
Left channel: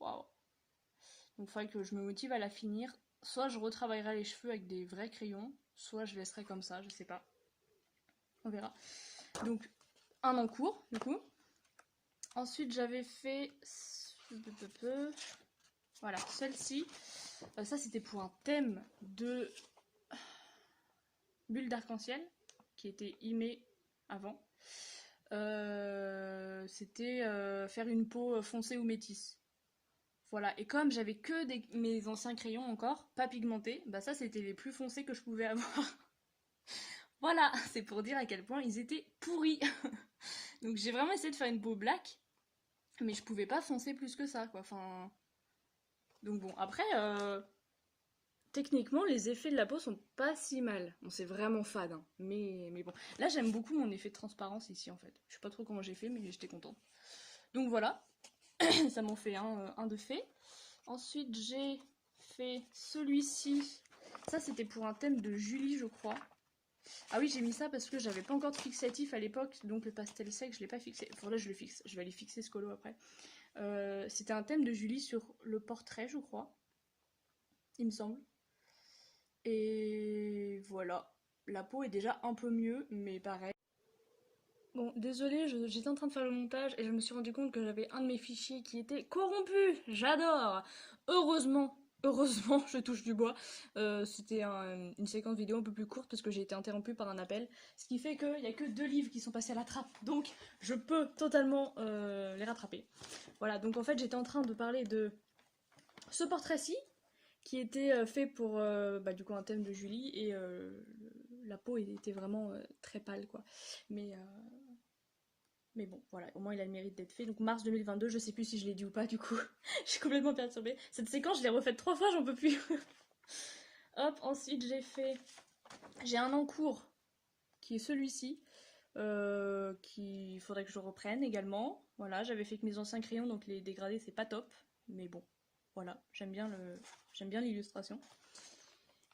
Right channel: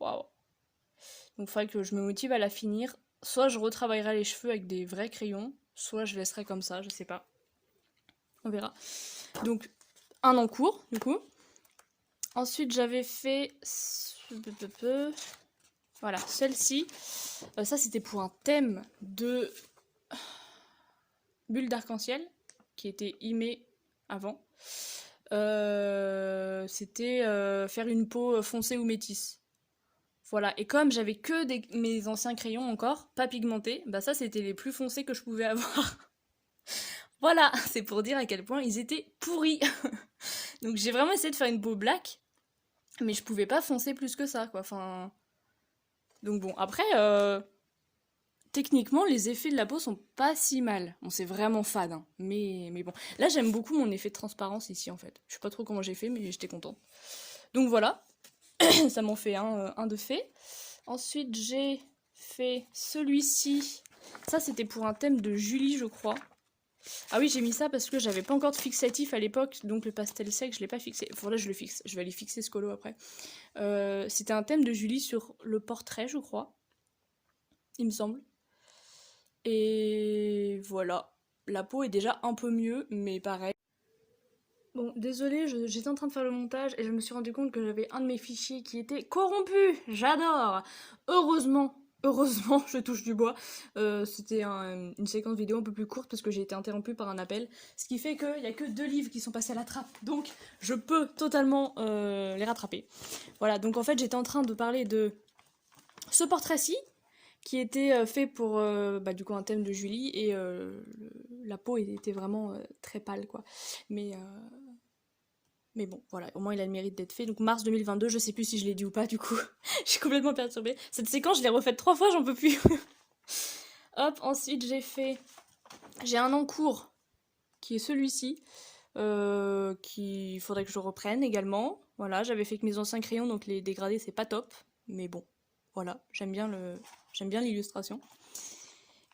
Waouh. Donc, il faudrait que je me motive à la finir. Soit je retravaillerai les cheveux avec des vrais crayons, soit je laisserai comme ça, je sais pas. On verra. Donc, un en cours, du coup. Ensuite, j'avais fait... Voilà, celle-ci. Ça, c'était pour un thème de bulle d'arc-en-ciel, qui était imé avant. C'était faire une peau foncée ou métisse. Voilà, et comme j'avais que mes anciens crayons encore, pas pigmentés, bah ça, c'était les plus foncés que je pouvais avoir. Voilà, c'est pour dire à quel point ils étaient pourris. Donc j'ai vraiment essayé de faire une peau black, mais je pouvais pas foncer plus que ça, quoi. Enfin... Donc bon, après, techniquement, les effets de la peau sont pas si mal. Bon, c'est vraiment fade, hein. Mais bon. Là, j'aime beaucoup mon effet de transparence ici, en fait. Je sais pas trop comment j'ai fait, mais j'étais contente. Donc voilà, ça m'en fait un de fait. Ensuite, j'ai fait celui-ci. Ça, c'était pour un thème de Julie, je crois. Ah oui, j'ai mis ça parce que j'avais pas encore de fixatif à l'époque, donc le pastel sec, je l'ai pas fixé. Faudrait que je le fixe. Je vais aller fixer ce colo après. C'était un thème de Julie sur le portrait, je crois. Il me semble. Et voilà. La peau est déjà un peu mieux, mais pareil. Bon, désolée, j'étais en train de faire le montage et je me suis rendu compte que j'avais un de mes fichiers qui était corrompu. J'adore. Heureusement, je touche du bois. C'était une séquence vidéo un peu plus courte parce que j'ai été interrompue par un appel. Ce qui fait qu'il n'y a que 2 livres qui sont passés à la trappe. Donc, je peux totalement les rattraper. Voilà, donc en fait, j'étais en train de parler de ce portrait-ci qui était fait pour bah, du coup un thème de Julie et la peau était vraiment très pâle quoi. Mais bon, voilà, au moins il a le mérite d'être fait. Donc mars 2022, je sais plus si je l'ai dit ou pas du coup. Je suis complètement perturbée. Cette séquence, je l'ai refaite 3 fois, j'en peux plus. Hop, ensuite j'ai un en cours qui est celui-ci, qu'il faudrait que je reprenne également. Voilà, j'avais fait que mes anciens crayons, donc les dégradés c'est pas top, mais bon, voilà, j'aime bien l'illustration.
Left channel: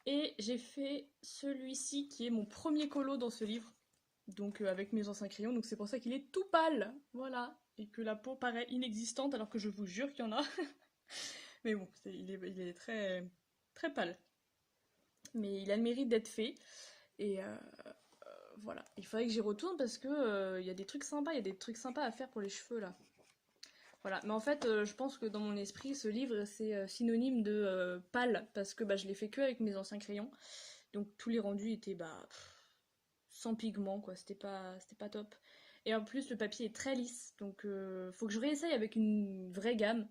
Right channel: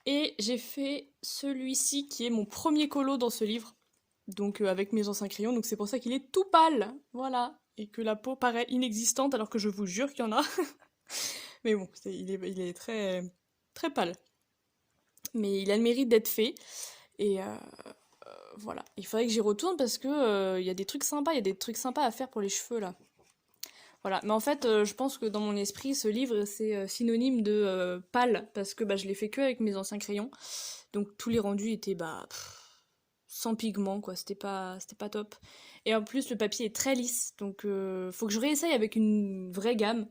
Et j'ai fait celui-ci qui est mon premier colo dans ce livre, donc avec mes anciens crayons, donc c'est pour ça qu'il est tout pâle, voilà, et que la peau paraît inexistante alors que je vous jure qu'il y en a. Mais bon, il est très, très pâle. Mais il a le mérite d'être fait, et voilà. Il faudrait que j'y retourne parce que y a des trucs sympas, il y a des trucs sympas à faire pour les cheveux là. Voilà, mais en fait, je pense que dans mon esprit, ce livre, c'est synonyme de pâle, parce que bah, je l'ai fait que avec mes anciens crayons. Donc tous les rendus étaient sans pigment, quoi, c'était pas top. Et en plus, le papier est très lisse, donc faut que je réessaye avec une vraie gamme,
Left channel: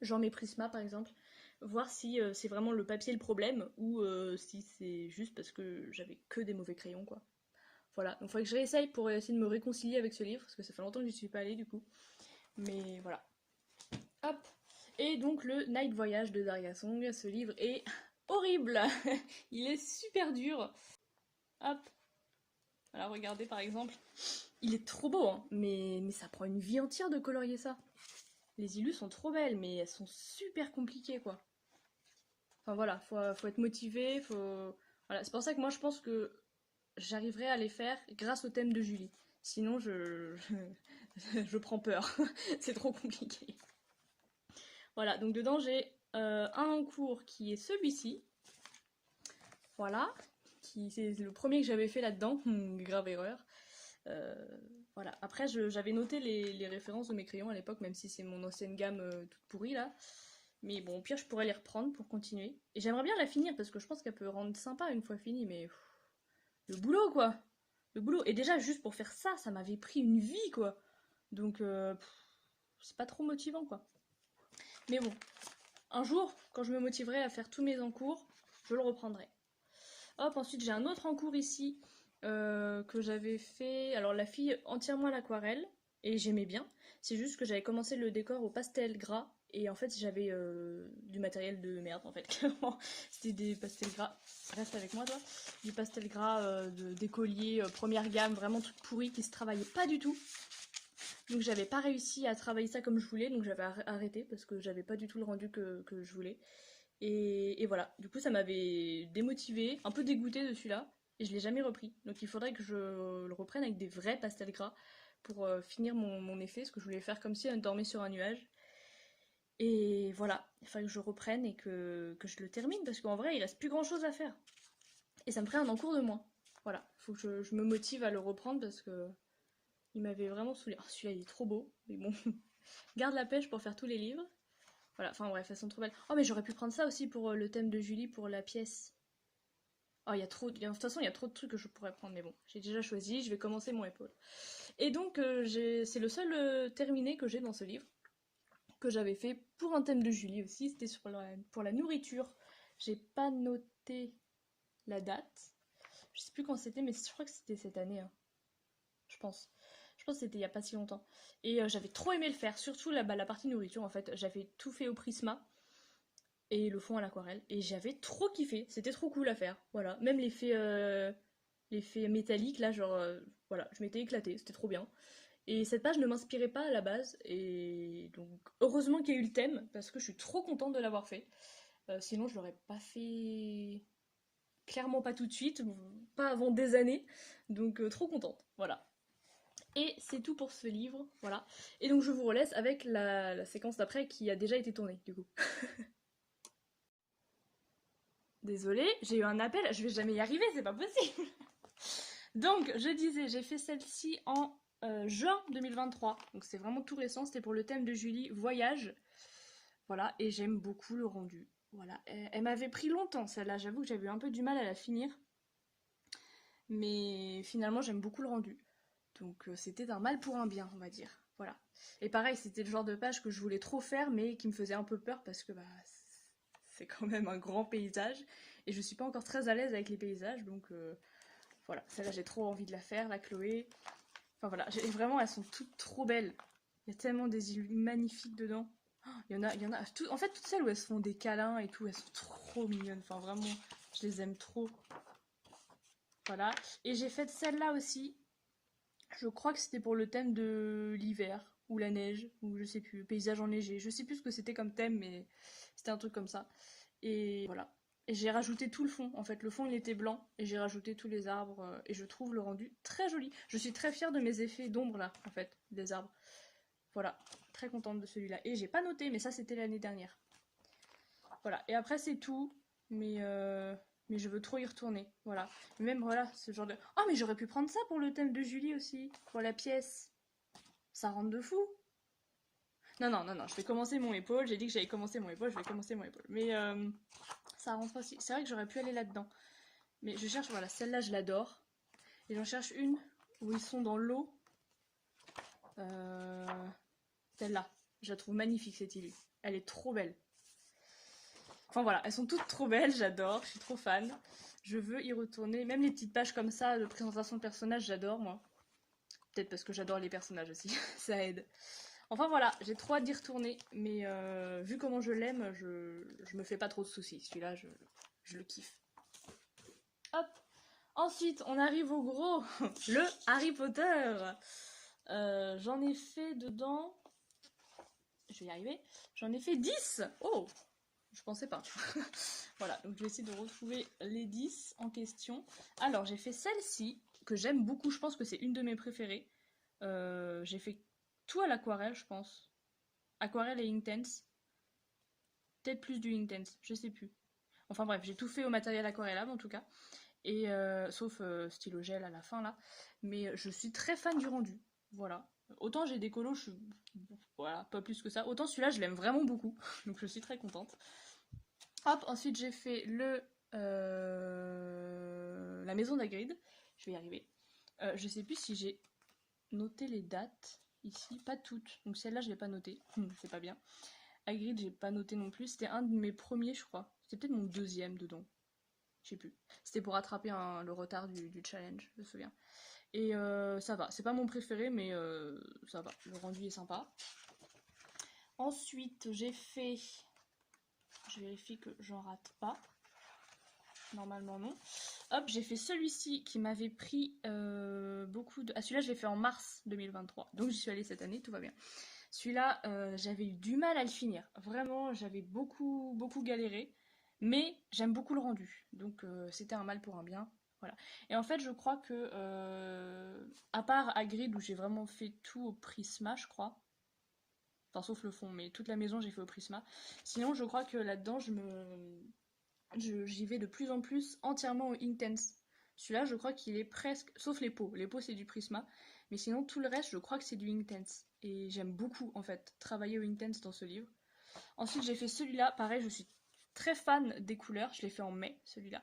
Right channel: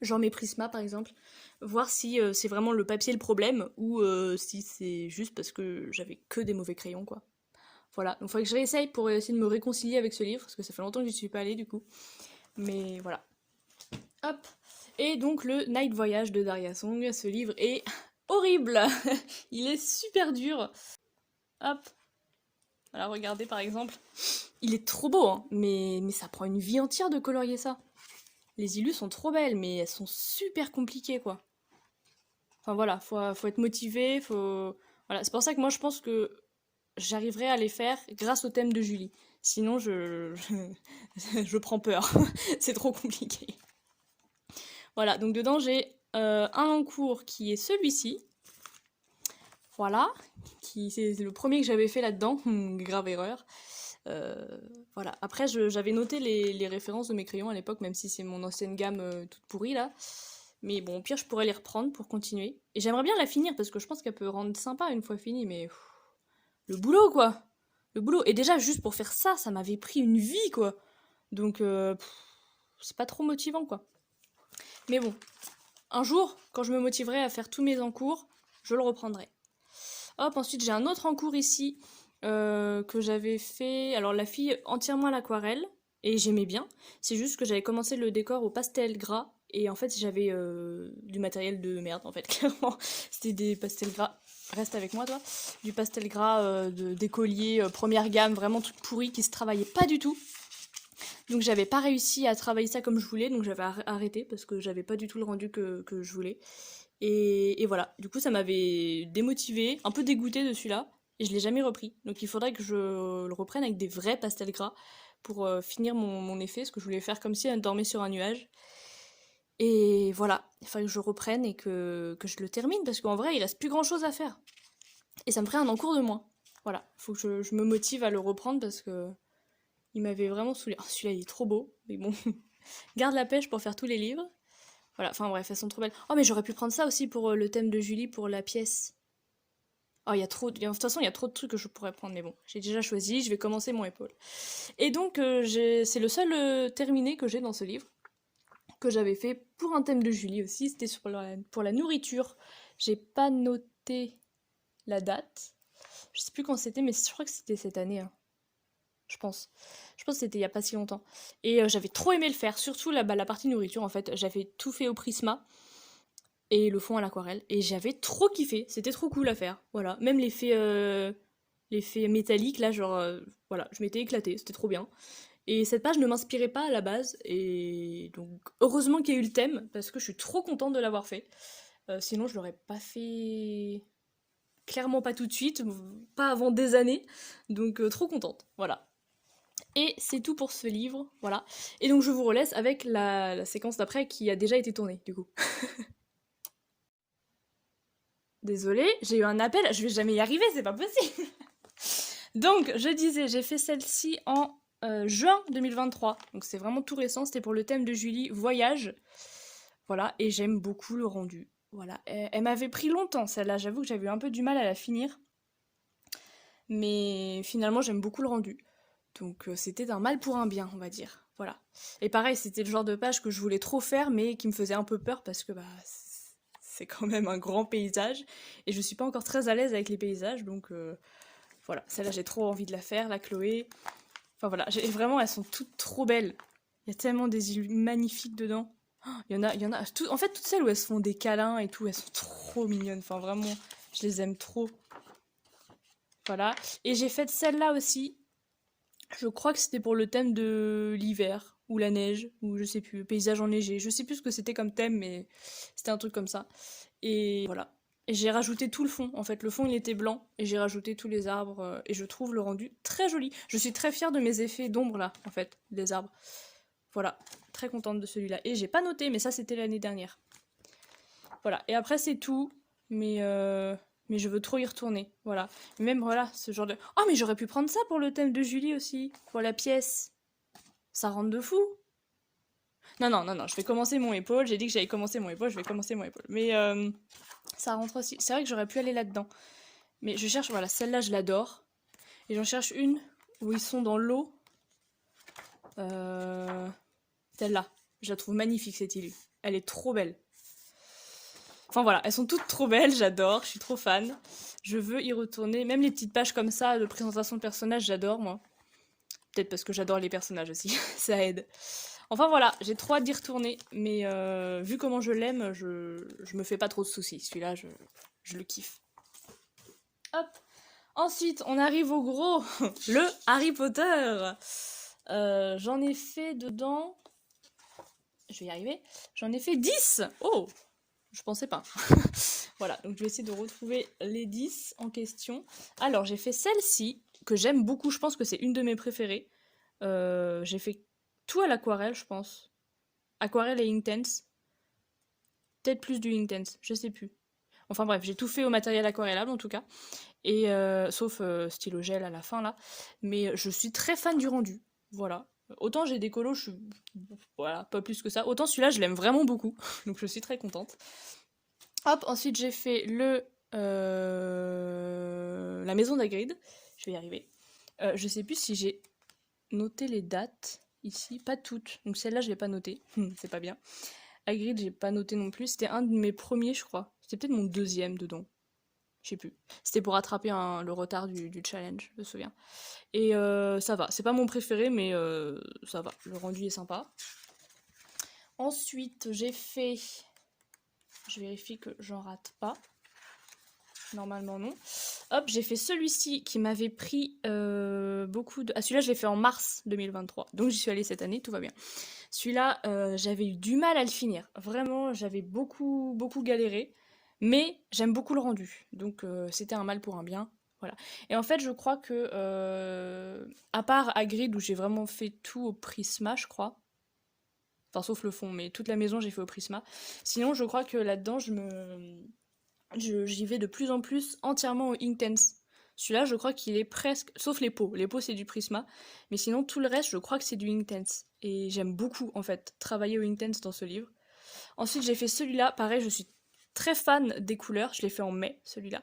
genre mes Prisma par exemple, voir si c'est vraiment le papier le problème, ou si c'est juste parce que j'avais que des mauvais crayons, quoi. Voilà, donc il faudrait que je réessaye pour essayer de me réconcilier avec ce livre, parce que ça fait longtemps que j'y suis pas allée du coup. Mais voilà. Hop. Et donc le Night Voyage de Daria Song, ce livre est horrible. Il est super dur. Hop. Alors regardez par exemple. Il est trop beau, hein, mais ça prend une vie entière de colorier ça. Les illus sont trop belles, mais elles sont super compliquées, quoi. Enfin voilà, faut être motivé, Voilà, c'est pour ça que moi je pense que j'arriverai à les faire grâce au thème de Julie. Sinon je prends peur. C'est trop compliqué. Voilà, donc dedans j'ai un en cours qui est celui-ci. Voilà, c'est le premier que j'avais fait là-dedans, grave erreur. Voilà, après j'avais noté les références de mes crayons à l'époque, même si c'est mon ancienne gamme toute pourrie là. Mais bon, au pire, je pourrais les reprendre pour continuer. Et j'aimerais bien la finir parce que je pense qu'elle peut rendre sympa une fois finie, mais le boulot quoi! Le boulot. Et déjà, juste pour faire ça, ça m'avait pris une vie quoi! Donc, c'est pas trop motivant quoi. Mais bon, un jour, quand je me motiverai à faire tous mes encours, je le reprendrai. Hop, ensuite j'ai un autre encours ici que j'avais fait. Alors la fille entièrement à l'aquarelle, et j'aimais bien. C'est juste que j'avais commencé le décor au pastel gras, et en fait j'avais du matériel de merde en fait, clairement. C'était des pastels gras. Reste avec moi toi. Du pastel gras d'écolier première gamme, vraiment tout pourri qui se travaillait pas du tout. Donc j'avais pas réussi à travailler ça comme je voulais, donc j'avais arrêté parce que j'avais pas du tout le rendu que je voulais. Et voilà, du coup ça m'avait démotivée, un peu dégoûtée de celui-là, et je l'ai jamais repris. Donc il faudrait que je le reprenne avec des vrais pastels gras pour finir mon effet, ce que je voulais faire comme si elle dormait sur un nuage. Et voilà, il fallait que je reprenne et que je le termine, parce qu'en vrai il reste plus grand chose à faire. Et ça me ferait un encours de moins. Voilà, faut que je me motive à le reprendre parce que il m'avait vraiment saoulé. Oh, celui-là il est trop beau, mais bon, garde la pêche pour faire tous les livres. Voilà, enfin bref, elles sont trop belles. Oh, mais j'aurais pu prendre ça aussi pour le thème de Julie, pour la pièce. Oh, il y a trop... De toute façon, il y a trop de trucs que je pourrais prendre, mais bon, j'ai déjà choisi, je vais commencer mon épaule. Et donc, c'est le seul terminé que j'ai dans ce livre, que j'avais fait pour un thème de Julie aussi, c'était pour la nourriture. J'ai pas noté la date, je sais plus quand c'était, mais je crois que c'était cette année, hein. Je pense. Je pense que c'était il y a pas si longtemps. Et j'avais trop aimé le faire, surtout la partie nourriture en fait. J'avais tout fait au Prisma et le fond à l'aquarelle. Et j'avais trop kiffé, c'était trop cool à faire. Voilà, même l'effet métallique là, genre voilà, je m'étais éclatée, c'était trop bien. Et cette page ne m'inspirait pas à la base, et donc heureusement qu'il y a eu le thème, parce que je suis trop contente de l'avoir fait. Sinon je l'aurais pas fait clairement pas tout de suite, pas avant des années, donc trop contente, voilà. Et c'est tout pour ce livre, voilà. Et donc je vous relaisse avec la séquence d'après qui a déjà été tournée, du coup. Désolée, j'ai eu un appel, je vais jamais y arriver, c'est pas possible. Donc, je disais, j'ai fait celle-ci en juin 2023, donc c'est vraiment tout récent, c'était pour le thème de Julie, voyage. Voilà, et j'aime beaucoup le rendu. Voilà, elle m'avait pris longtemps celle-là, j'avoue que j'avais eu un peu du mal à la finir. Mais finalement, j'aime beaucoup le rendu. Donc c'était un mal pour un bien, on va dire. Voilà. Et pareil, c'était le genre de page que je voulais trop faire, mais qui me faisait un peu peur parce que c'est quand même un grand paysage. Et je suis pas encore très à l'aise avec les paysages, donc voilà. Celle-là, j'ai trop envie de la faire, la Chloé. Enfin voilà, vraiment, elles sont toutes trop belles. Il y a tellement des îles magnifiques dedans. Oh, il y en a. En fait, toutes celles où elles se font des câlins et tout, elles sont trop mignonnes. Enfin vraiment, je les aime trop. Voilà. Et j'ai fait celle-là aussi. Je crois que c'était pour le thème de l'hiver, ou la neige, ou je sais plus, paysage enneigé. Je sais plus ce que c'était comme thème, mais c'était un truc comme ça. Et voilà. Et j'ai rajouté tout le fond. En fait, le fond il était blanc et j'ai rajouté tous les arbres et je trouve le rendu très joli. Je suis très fière de mes effets d'ombre là, en fait, des arbres. Voilà, très contente de celui-là. Et j'ai pas noté, mais ça c'était l'année dernière. Voilà. Et après c'est tout, mais je veux trop y retourner. Voilà. Même voilà, ce genre de. Oh mais j'aurais pu prendre ça pour le thème de Julie aussi, pour la pièce. Ça rentre de fou. Non non non non, je vais commencer mon épaule. J'ai dit que j'allais commencer mon épaule, je vais commencer mon épaule. Mais ça rentre aussi. C'est vrai que j'aurais pu aller là-dedans. Mais je cherche, voilà, celle-là, je l'adore. Et j'en cherche une où ils sont dans l'eau. Celle-là. Je la trouve magnifique, cette île. Elle est trop belle. Enfin voilà, elles sont toutes trop belles, j'adore, je suis trop fan. Je veux y retourner. Même les petites pages comme ça de présentation de personnages, j'adore, moi. Peut-être parce que j'adore les personnages aussi, ça aide. Enfin voilà, j'ai trop hâte d'y retourner, mais vu comment je l'aime, je me fais pas trop de soucis. Celui-là, je le kiffe. Hop. Ensuite, on arrive au gros, le Harry Potter. J'en ai fait dedans... Je vais y arriver. J'en ai fait 10. Oh, je pensais pas. Voilà, donc je vais essayer de retrouver les 10 en question. Alors, j'ai fait celle-ci, que j'aime beaucoup. Je pense que c'est une de mes préférées. J'ai fait tout à l'aquarelle, je pense. Aquarelle et Inktense. Peut-être plus du Inktense, je sais plus. Enfin bref, j'ai tout fait au matériel aquarellable en tout cas. Et sauf stylo gel à la fin là. Mais je suis très fan du rendu. Voilà. Autant j'ai des colos, je suis... Voilà, pas plus que ça. Autant celui-là, je l'aime vraiment beaucoup. Donc je suis très contente. Hop, ensuite j'ai fait la maison d'Hagrid. Je vais y arriver. Je sais plus si j'ai noté les dates ici. Pas toutes. Donc celle-là, je l'ai pas notée. C'est pas bien. Hagrid, j'ai pas noté non plus. C'était un de mes premiers, je crois. C'était peut-être mon deuxième dedans. Je sais plus. C'était pour rattraper le retard du challenge, je me souviens. Et ça va. C'est pas mon préféré, mais ça va. Le rendu est sympa. Ensuite, j'ai fait... Je vérifie que j'en rate pas. Normalement, non. Hop, j'ai fait celui-ci qui m'avait pris beaucoup de... Ah, celui-là, je l'ai fait en mars 2023. Donc, j'y suis allée cette année, tout va bien. Celui-là, j'avais eu du mal à le finir. Vraiment, j'avais beaucoup, beaucoup galéré. Mais j'aime beaucoup le rendu. Donc, c'était un mal pour un bien. Voilà. Et en fait, je crois que, à part Hagrid, où j'ai vraiment fait tout au Prisma, je crois. Enfin, sauf le fond, mais toute la maison, j'ai fait au Prisma. Sinon, je crois que là-dedans, j'y vais de plus en plus entièrement au Inktense. Celui-là, je crois qu'il est presque... Sauf les pots. Les pots, c'est du Prisma. Mais sinon, tout le reste, je crois que c'est du Inktense. Et j'aime beaucoup, en fait, travailler au Inktense dans ce livre. Ensuite, j'ai fait celui-là. Pareil, je suis très fan des couleurs. Je l'ai fait en mai, celui-là.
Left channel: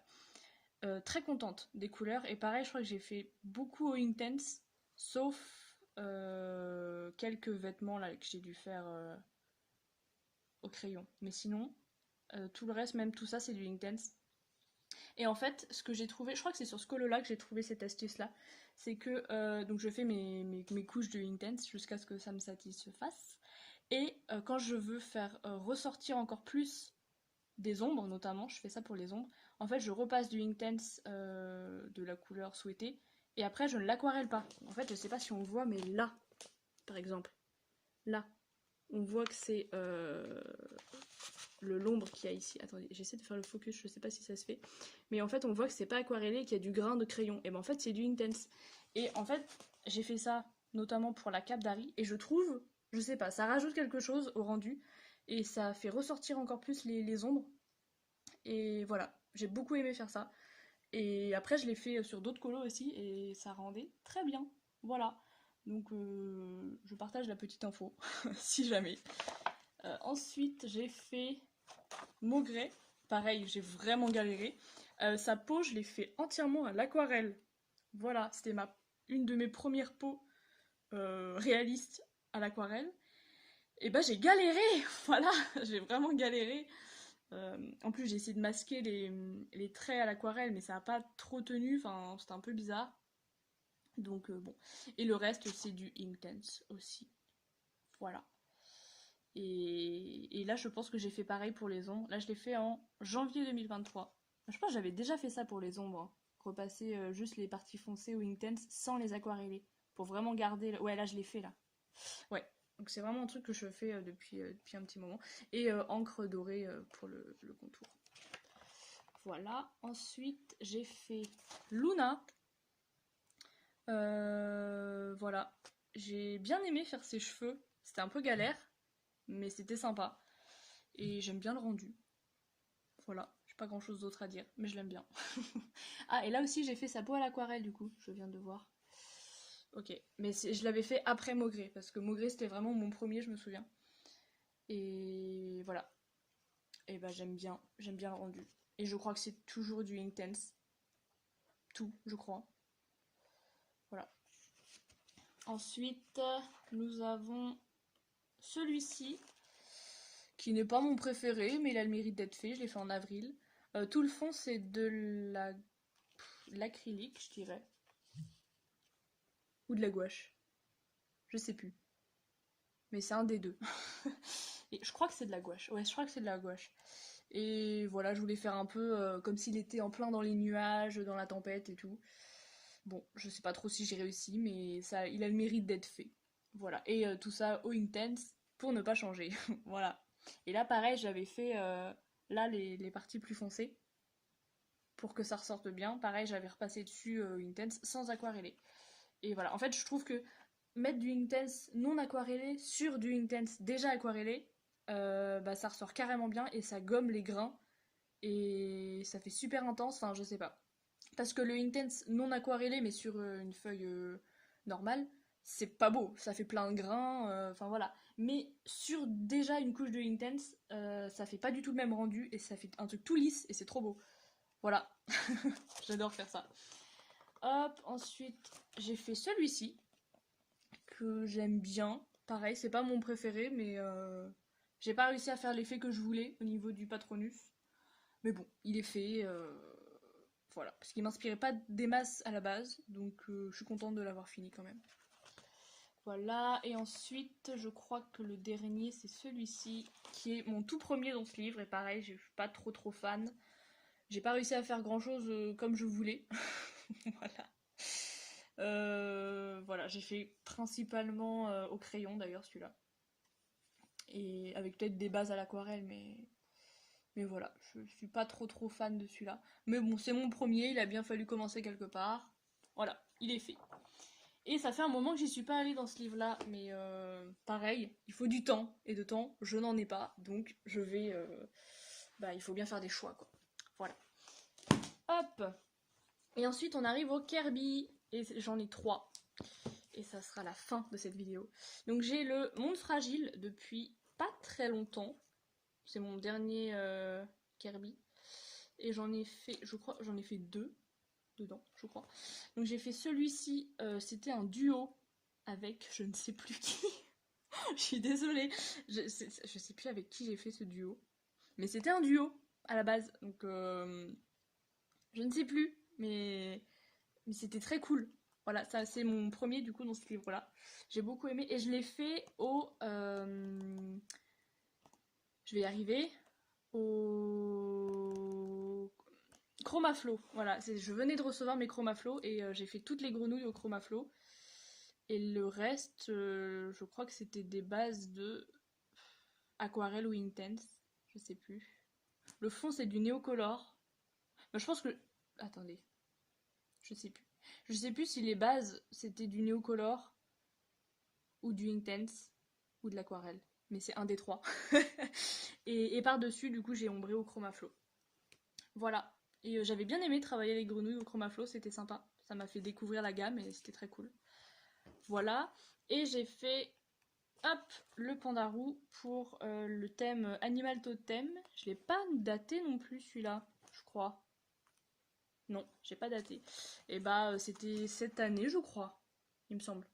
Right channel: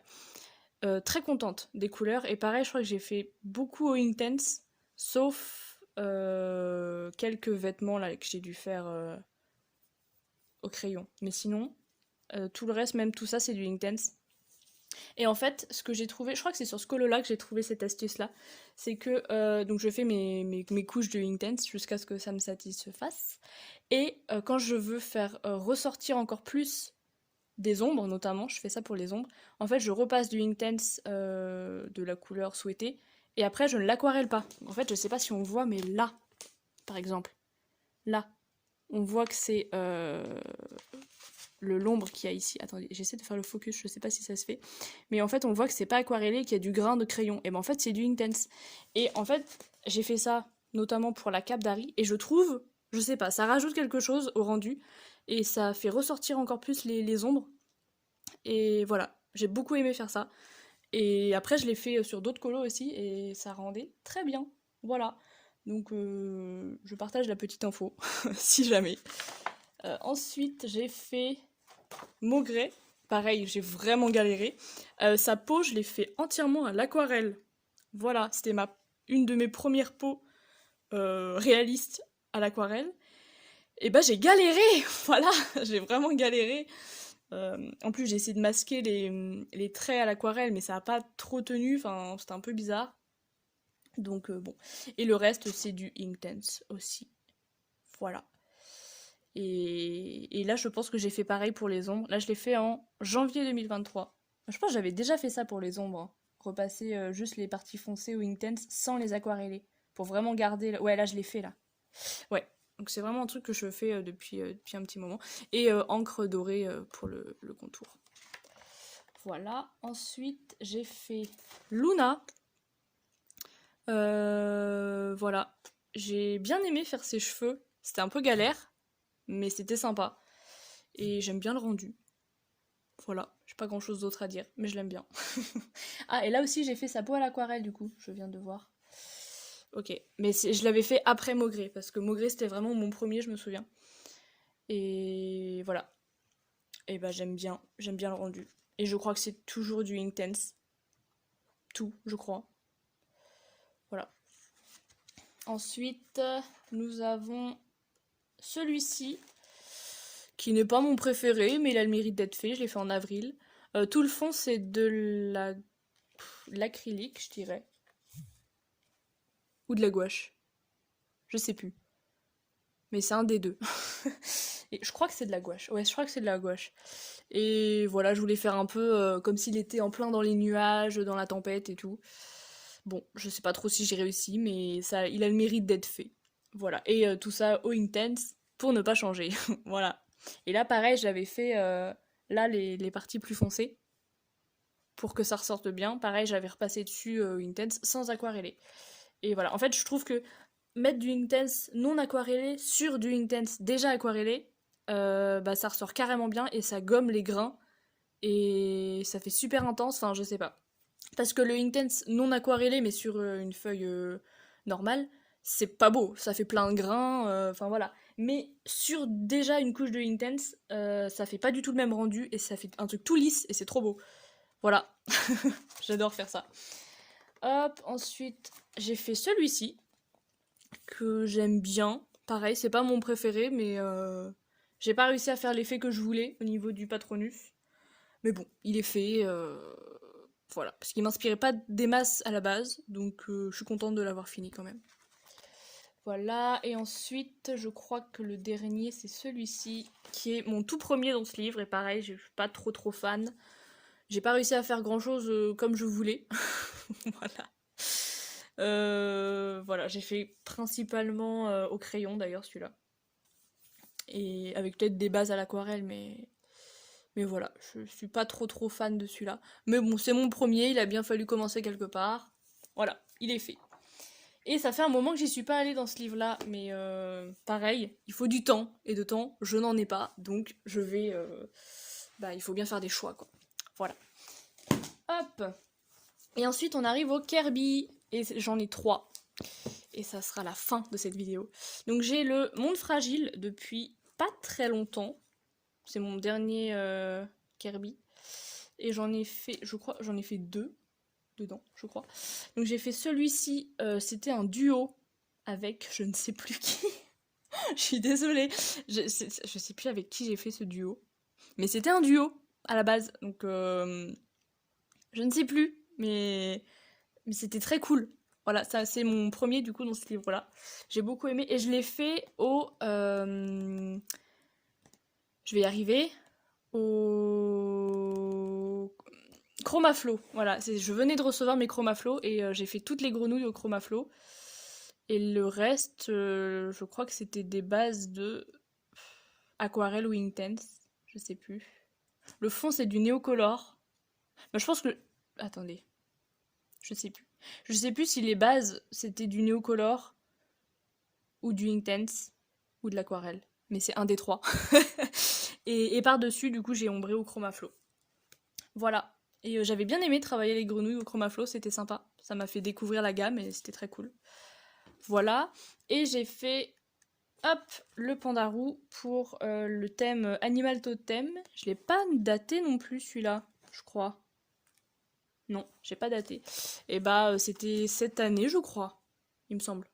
Très contente des couleurs. Et pareil, je crois que j'ai fait beaucoup au Inktense. Sauf quelques vêtements là, que j'ai dû faire au crayon. Mais sinon, tout le reste, même tout ça, c'est du Inktense. Et en fait, ce que j'ai trouvé, je crois que c'est sur ce colo-là que j'ai trouvé cette astuce-là, c'est que donc je fais mes couches de Inktense jusqu'à ce que ça me satisfasse. Et quand je veux faire ressortir encore plus des ombres, notamment, je fais ça pour les ombres, en fait, je repasse du Inktense de la couleur souhaitée, et après, je ne l'aquarelle pas. En fait, je sais pas si on voit, mais là, par exemple, là, on voit que c'est l'ombre qu'il y a ici. Attendez, j'essaie de faire le focus, je sais pas si ça se fait. Mais en fait, on voit que c'est pas aquarellé, qu'il y a du grain de crayon. Et ben en fait, c'est du Inktense. Et en fait, j'ai fait ça notamment pour la cape d'Harry. Et je trouve, je sais pas, ça rajoute quelque chose au rendu. Et ça fait ressortir encore plus les ombres. Et voilà, j'ai beaucoup aimé faire ça. Et après, je l'ai fait sur d'autres colos aussi. Et ça rendait très bien. Voilà. Donc, je partage la petite info, si jamais. Ensuite, j'ai fait Maugret. Pareil, j'ai vraiment galéré. Sa peau, je l'ai fait entièrement à l'aquarelle. Voilà, c'était une de mes premières peaux réalistes à l'aquarelle. Et bah j'ai galéré, voilà, j'ai vraiment galéré. En plus, j'ai essayé de masquer les traits à l'aquarelle, mais ça n'a pas trop tenu, enfin, c'était un peu bizarre. Donc bon. Et le reste, c'est du Inktense aussi. Voilà. Et là, je pense que j'ai fait pareil pour les ombres. Là, je l'ai fait en janvier 2023. Je pense que j'avais déjà fait ça pour les ombres, hein, repasser juste les parties foncées ou intense sans les aquareller. Pour vraiment garder... Ouais, là, je l'ai fait, là. Ouais, donc c'est vraiment un truc que je fais depuis un petit moment. Et encre dorée pour le contour. Voilà, ensuite j'ai fait Luna. Voilà, j'ai bien aimé faire ses cheveux. C'était un peu galère, mais c'était sympa. Et j'aime bien le rendu. Voilà, j'ai pas grand chose d'autre à dire, mais je l'aime bien. Ah, et là aussi j'ai fait sa peau à l'aquarelle du coup, je viens de voir. Ok, mais je l'avais fait après Maugré, parce que Maugré c'était vraiment mon premier, je me souviens. Et voilà. Et bah j'aime bien le rendu. Et je crois que c'est toujours du Intense. Tout, je crois. Voilà. Ensuite, nous avons celui-ci, qui n'est pas mon préféré, mais il a le mérite d'être fait. Je l'ai fait en avril. Tout le fond, c'est de l'acrylique, je dirais. Ou de la gouache. Je sais plus. Mais c'est un des deux. Et je crois que c'est de la gouache. Ouais, je crois que c'est de la gouache. Et voilà, je voulais faire un peu comme s'il était en plein dans les nuages, dans la tempête et tout. Bon, je sais pas trop si j'ai réussi, mais ça, il a le mérite d'être fait. Voilà. Et tout ça au intense pour ne pas changer. Voilà. Et là, pareil, j'avais fait là les parties plus foncées pour que ça ressorte bien. Pareil, j'avais repassé dessus intense sans aquareller. Et voilà. En fait, je trouve que mettre du intense non aquarellé sur du intense déjà aquarellé, bah ça ressort carrément bien et ça gomme les grains et ça fait super intense. Enfin, je sais pas. Parce que le intense non aquarellé mais sur une feuille normale, c'est pas beau, ça fait plein de grains, enfin voilà. Mais sur déjà une couche de intense, ça fait pas du tout le même rendu et ça fait un truc tout lisse et c'est trop beau. Voilà, j'adore faire ça. Hop, ensuite j'ai fait celui-ci que j'aime bien. Pareil, c'est pas mon préféré, mais j'ai pas réussi à faire l'effet que je voulais au niveau du Patronus. Mais bon, il est fait. Voilà, parce qu'il m'inspirait pas des masses à la base, donc je suis contente de l'avoir fini quand même. Voilà, et ensuite, je crois que le dernier, c'est celui-ci, qui est mon tout premier dans ce livre, et pareil, je suis pas trop fan. J'ai pas réussi à faire grand-chose comme je voulais. Voilà. Voilà, j'ai fait principalement au crayon d'ailleurs celui-là. Et avec peut-être des bases à l'aquarelle, mais voilà, je suis pas trop fan de celui-là. Mais bon, c'est mon premier, il a bien fallu commencer quelque part. Voilà, il est fait. Et ça fait un moment que j'y suis pas allée dans ce livre-là, mais pareil, il faut du temps, et de temps, je n'en ai pas, donc je vais... bah, il faut bien faire des choix, quoi. Voilà. Hop. Et ensuite, on arrive au Kirby, et j'en ai 3. Et ça sera la fin de cette vidéo. Donc j'ai le Monde Fragile depuis pas très longtemps. C'est mon dernier Kirby. Et j'en ai fait, je crois, j'en ai fait 2 dedans, je crois. Donc j'ai fait celui-ci, c'était un duo avec je ne sais plus qui. Je suis désolée, je sais plus avec qui j'ai fait ce duo. Mais c'était un duo à la base, donc je ne sais plus, mais c'était très cool. Voilà, ça c'est mon premier du coup dans ce livre-là. J'ai beaucoup aimé et je l'ai fait au... je vais y arriver. Au Chromaflow. Voilà, je venais de recevoir mes Chromaflow et j'ai fait toutes les grenouilles au Chromaflow. Et le reste, je crois que c'était des bases de aquarelle ou intense. Je sais plus. Le fond c'est du néocolor. Mais je pense que... Attendez. Je sais plus. Je sais plus si les bases c'était du néocolor ou du intense ou de l'aquarelle. Mais c'est un des trois. et par-dessus, du coup, j'ai ombré au Chromaflow. Voilà. Et j'avais bien aimé travailler les grenouilles au Chromaflow, c'était sympa. Ça m'a fait découvrir la gamme et c'était très cool. Voilà. Et j'ai fait, hop, le pandarou pour le thème Animal Totem. Je l'ai pas daté non plus celui-là, je crois. Non, j'ai pas daté. Et bah, c'était cette année, je crois, il me semble.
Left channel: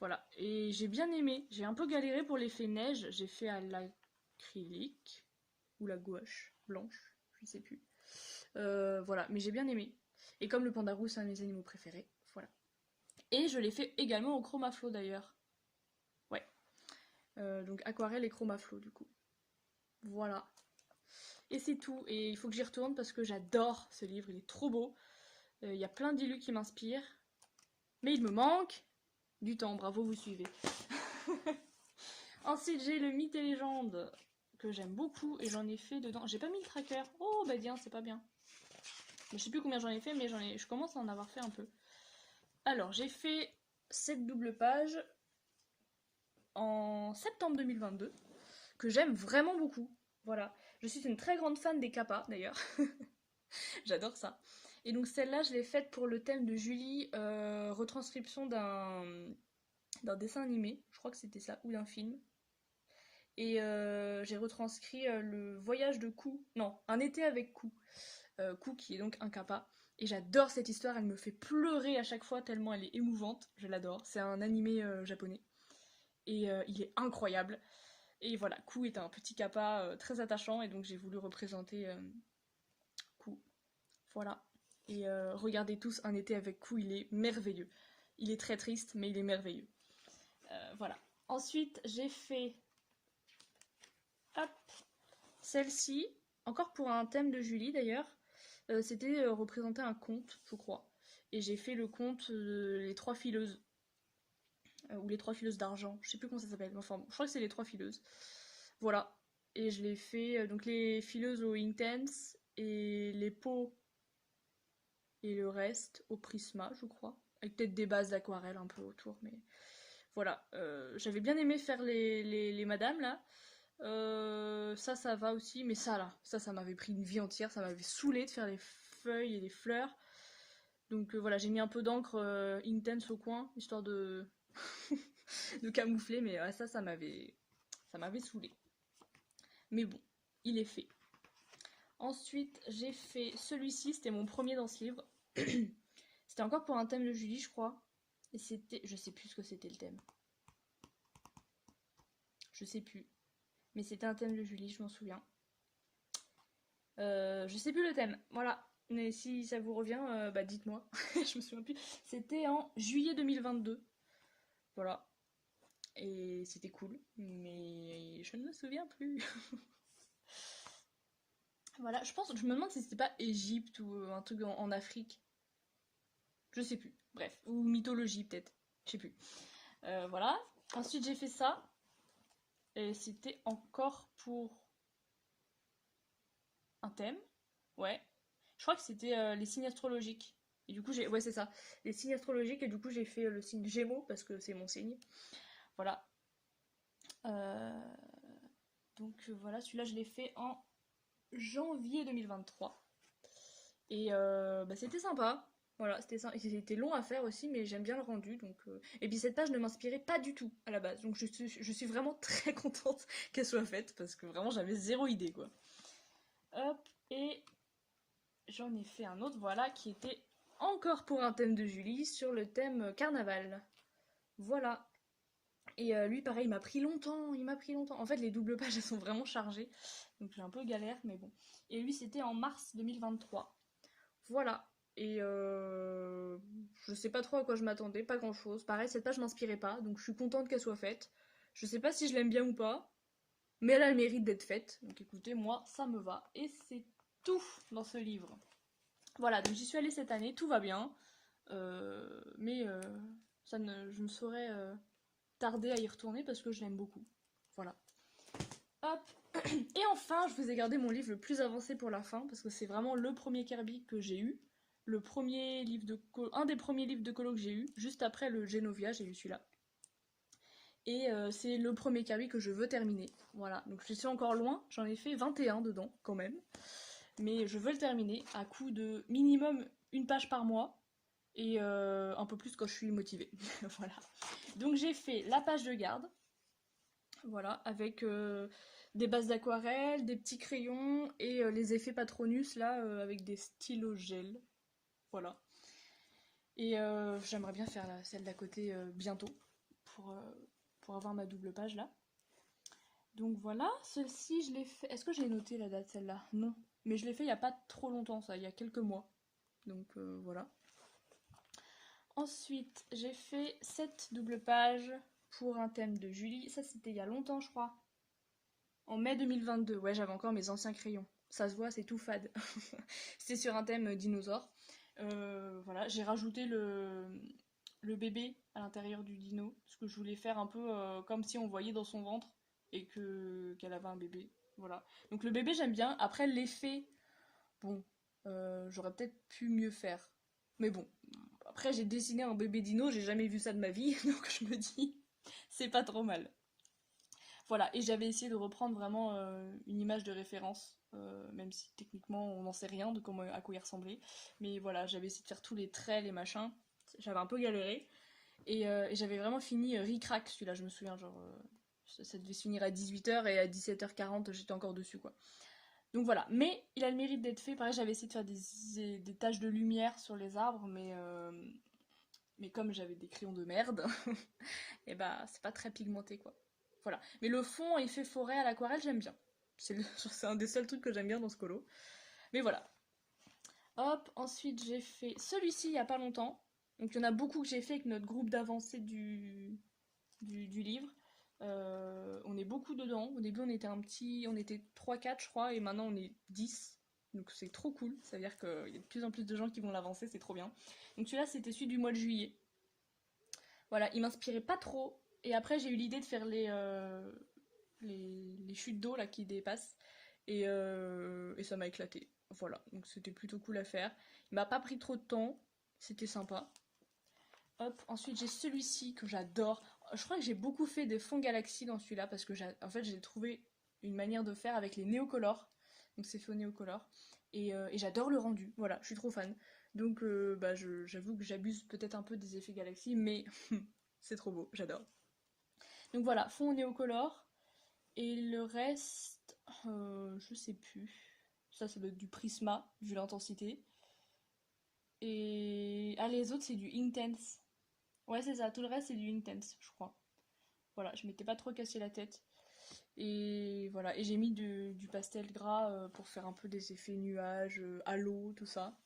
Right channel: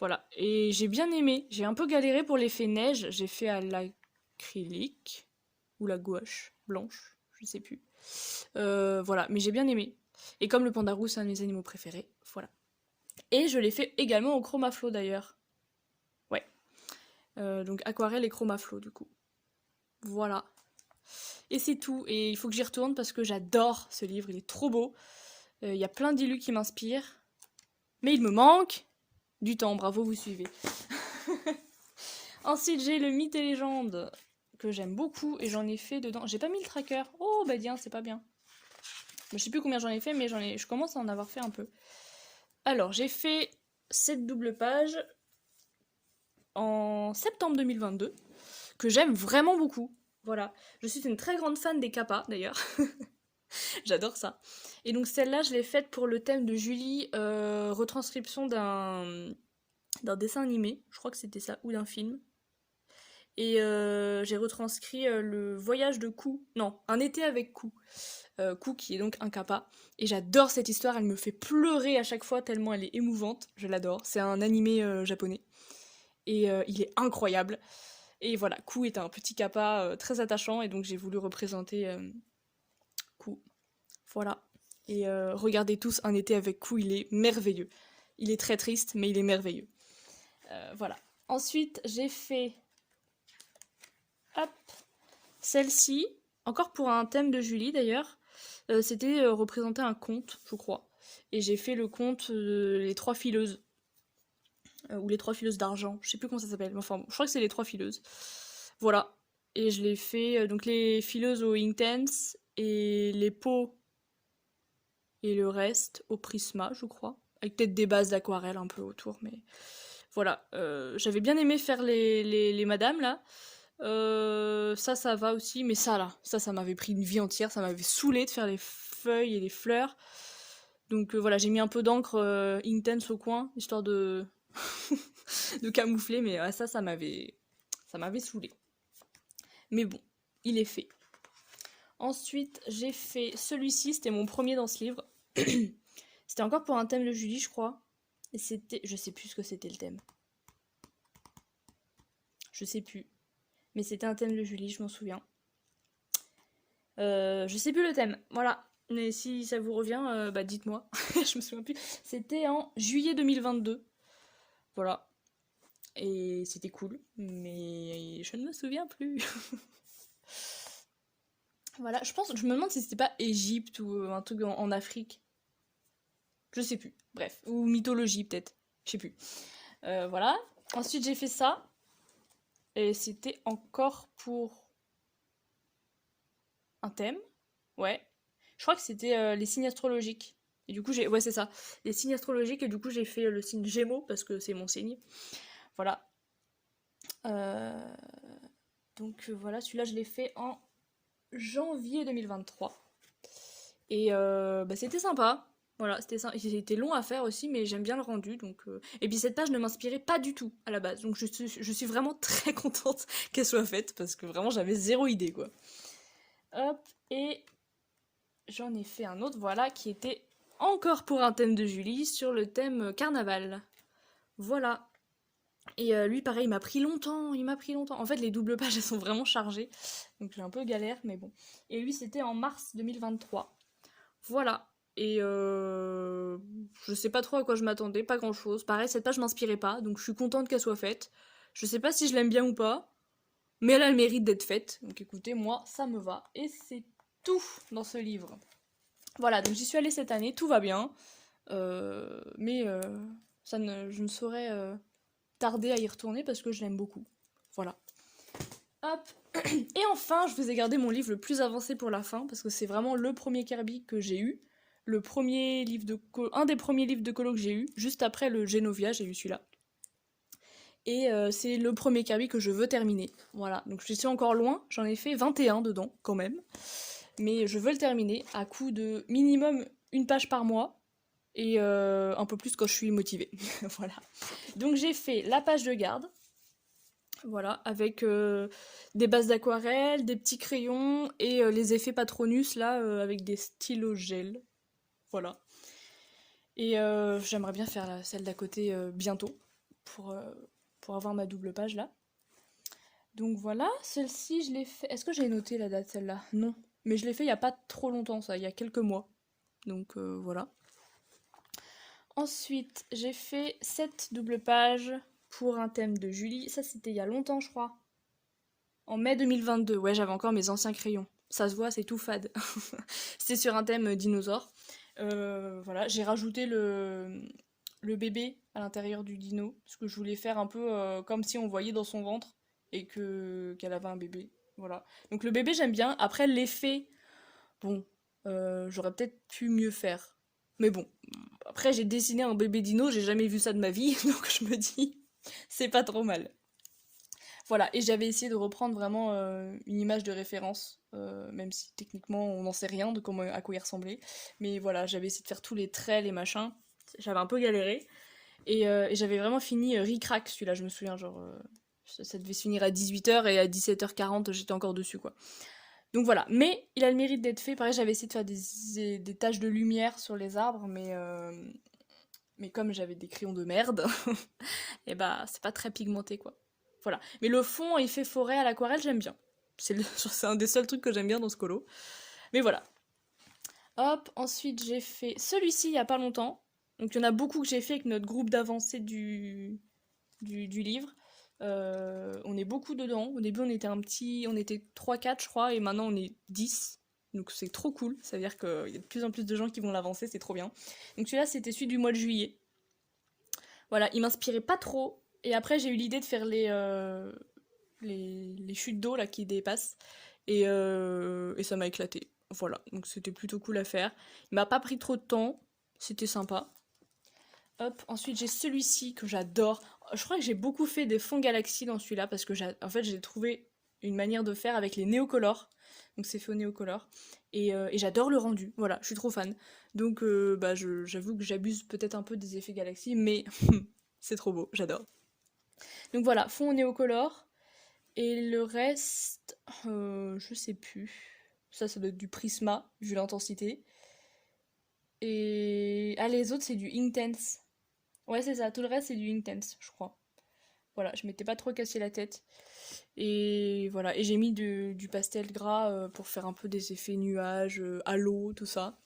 Voilà, et j'ai bien aimé. J'ai un peu galéré pour l'effet neige. J'ai fait à l'acrylique ou la gouache blanche, je sais plus. Voilà, mais j'ai bien aimé. Et comme le pandarou, c'est un de mes animaux préférés, voilà. Et je l'ai fait également au Chromaflow d'ailleurs. Ouais. Donc aquarelle et Chromaflow du coup. Voilà. Et c'est tout. Et il faut que j'y retourne parce que j'adore ce livre, il est trop beau. Il y a plein d'illus qui m'inspirent. Mais il me manque du temps, bravo, vous suivez. Ensuite, j'ai le Mythes et Légendes, que j'aime beaucoup, et j'en ai fait dedans. J'ai pas mis le tracker. Oh, bah tiens, c'est pas bien. Je sais plus combien j'en ai fait, mais je commence à en avoir fait un peu. Alors, j'ai fait cette double page en septembre 2022, que j'aime vraiment beaucoup. Voilà. Je suis une très grande fan des kappas, d'ailleurs. J'adore ça. Et donc celle-là, je l'ai faite pour le thème de Julie, retranscription d'un dessin animé, je crois que c'était ça, ou d'un film. Et j'ai retranscrit le voyage de Kou, non, un été avec Kou. Kou qui est donc un kappa. Et j'adore cette histoire, elle me fait pleurer à chaque fois tellement elle est émouvante, je l'adore. C'est un animé japonais. Et il est incroyable. Et voilà, Kou est un petit kappa très attachant, et donc j'ai voulu représenter Kou. Voilà. Et regardez tous Un été avec Kou, il est merveilleux. Il est très triste, mais il est merveilleux. Voilà. Ensuite, j'ai fait... Hop. Celle-ci, encore pour un thème de Julie d'ailleurs. C'était représenter un conte, je crois. Et j'ai fait le conte Les Trois Fileuses. Ou Les Trois Fileuses d'Argent. Je sais plus comment ça s'appelle. Enfin, bon, je crois que c'est Les Trois Fileuses. Voilà. Et je l'ai fait... donc les fileuses au Inktense et les pots et le reste au Prisma, je crois. Avec peut-être des bases d'aquarelle un peu autour, mais voilà. J'avais bien aimé faire les madames, là. Ça va aussi, mais ça, là, ça m'avait pris une vie entière, ça m'avait saoulé de faire les feuilles et les fleurs. Donc voilà, j'ai mis un peu d'encre Intense au coin, histoire de... de camoufler, mais ça m'avait saoulé. Mais bon, il est fait. Ensuite, j'ai fait celui-ci, c'était mon premier dans ce livre. C'était encore pour un thème de Julie, je crois. Et c'était... Je sais plus ce que c'était le thème. Je sais plus. Mais c'était un thème de Julie, je m'en souviens. Je sais plus le thème, voilà. Mais si ça vous revient, bah dites-moi. Je me souviens plus. C'était en juillet 2022. Voilà. Et c'était cool. Mais je ne me souviens plus. Voilà, je me demande si c'était pas Égypte ou un truc en Afrique. Je sais plus. Bref. Ou mythologie peut-être. Je sais plus. Voilà. Ensuite j'ai fait ça. Et c'était encore pour un thème. Ouais. Je crois que c'était les signes astrologiques. Et du coup, ouais, c'est ça. Les signes astrologiques, et du coup, j'ai fait le signe Gémeaux, parce que c'est mon signe. Voilà. Donc voilà, celui-là, je l'ai fait en janvier 2023. Et bah, c'était sympa. Voilà, c'était long à faire aussi, mais j'aime bien le rendu. Donc, et puis cette page ne m'inspirait pas du tout à la base. Donc je suis vraiment très contente qu'elle soit faite, parce que vraiment, j'avais zéro idée, quoi. Hop, et j'en ai fait un autre, voilà, qui était encore pour un thème de Julie, sur le thème carnaval. Voilà. Et lui, pareil, il m'a pris longtemps. En fait, les doubles pages, elles sont vraiment chargées. Donc j'ai un peu galère, mais bon. Et lui, c'était en mars 2023. Voilà. Et je sais pas trop à quoi je m'attendais, pas grand chose. Pareil, cette page m'inspirait pas, donc je suis contente qu'elle soit faite. Je sais pas si je l'aime bien ou pas, mais elle a le mérite d'être faite. Donc écoutez, moi, ça me va. Et c'est tout dans ce livre. Voilà, donc j'y suis allée cette année, tout va bien. Mais je ne saurais tarder à y retourner parce que je l'aime beaucoup. Voilà. Hop. Et enfin, je vous ai gardé mon livre le plus avancé pour la fin parce que c'est vraiment le premier Kirby que j'ai eu. Un des premiers livres de colo que j'ai eu. Juste après le Genovia, j'ai eu celui-là. Et c'est le premier Kirby que je veux terminer. Voilà, donc je suis encore loin. J'en ai fait 21 dedans, quand même. Mais je veux le terminer à coup de minimum une page par mois. Et un peu plus quand je suis motivée. Voilà. Donc j'ai fait la page de garde. Voilà, avec des bases d'aquarelle, des petits crayons et les effets Patronus là avec des stylos gel. Voilà. Et j'aimerais bien faire celle d'à côté bientôt pour avoir ma double page là. Donc voilà, celle-ci je l'ai fait. Est-ce que j'ai noté la date celle-là? Non. Mais je l'ai fait il n'y a pas trop longtemps, ça, il y a quelques mois. Donc voilà. Ensuite, j'ai fait cette double page pour un thème de Julie. Ça, c'était il y a longtemps, je crois. En mai 2022. Ouais, j'avais encore mes anciens crayons. Ça se voit, c'est tout fade. C'était sur un thème dinosaure. Voilà, j'ai rajouté le bébé à l'intérieur du dino, parce que je voulais faire un peu comme si on voyait dans son ventre et qu'elle avait un bébé. Voilà. Donc le bébé j'aime bien. Après l'effet, bon, j'aurais peut-être pu mieux faire. Mais bon, après j'ai dessiné un bébé dino, j'ai jamais vu ça de ma vie, donc je me dis, c'est pas trop mal. Voilà, et j'avais essayé de reprendre vraiment une image de référence, même si techniquement on n'en sait rien de comment, à quoi il ressemblait. Mais voilà, j'avais essayé de faire tous les traits, les machins. J'avais un peu galéré. Et j'avais vraiment fini ric-rac celui-là, je me souviens, genre ça devait se finir à 18h et à 17h40 j'étais encore dessus quoi. Donc voilà, mais il a le mérite d'être fait. Pareil, j'avais essayé de faire des taches de lumière sur les arbres, mais comme j'avais des crayons de merde, et bah c'est pas très pigmenté quoi. Voilà. Mais le fond, effet forêt à l'aquarelle, j'aime bien. C'est un des seuls trucs que j'aime bien dans ce colo. Mais voilà. Hop, ensuite j'ai fait celui-ci il y a pas longtemps. Donc il y en a beaucoup que j'ai fait avec notre groupe d'avancée du livre. On est beaucoup dedans. Au début on était 3-4 je crois, et maintenant on est 10. Donc c'est trop cool, ça veut dire qu'il y a de plus en plus de gens qui vont l'avancer, c'est trop bien. Donc celui-là c'était celui du mois de juillet. Voilà, il m'inspirait pas trop. Et après j'ai eu l'idée de faire les chutes d'eau là qui dépassent. Et ça m'a éclaté. Voilà, donc c'était plutôt cool à faire. Il m'a pas pris trop de temps, c'était sympa. Hop, ensuite j'ai celui-ci que j'adore. Je crois que j'ai beaucoup fait des fonds galaxies dans celui-là parce que en fait j'ai trouvé une manière de faire avec les néocolores. Donc c'est fait au néocolore. Et j'adore le rendu, voilà, je suis trop fan. Donc bah, j'avoue que j'abuse peut-être un peu des effets galaxies, mais c'est trop beau, j'adore. Donc voilà, fond au néocolore. Et le reste, je sais plus. Ça doit être du Prisma, vu l'intensité. Et... Ah, les autres, c'est du Inktense. Ouais, c'est ça, tout le reste, c'est du Inktense, je crois. Voilà, je m'étais pas trop cassé la tête. Et voilà, et j'ai mis du pastel gras pour faire un peu des effets nuages, halo, tout ça.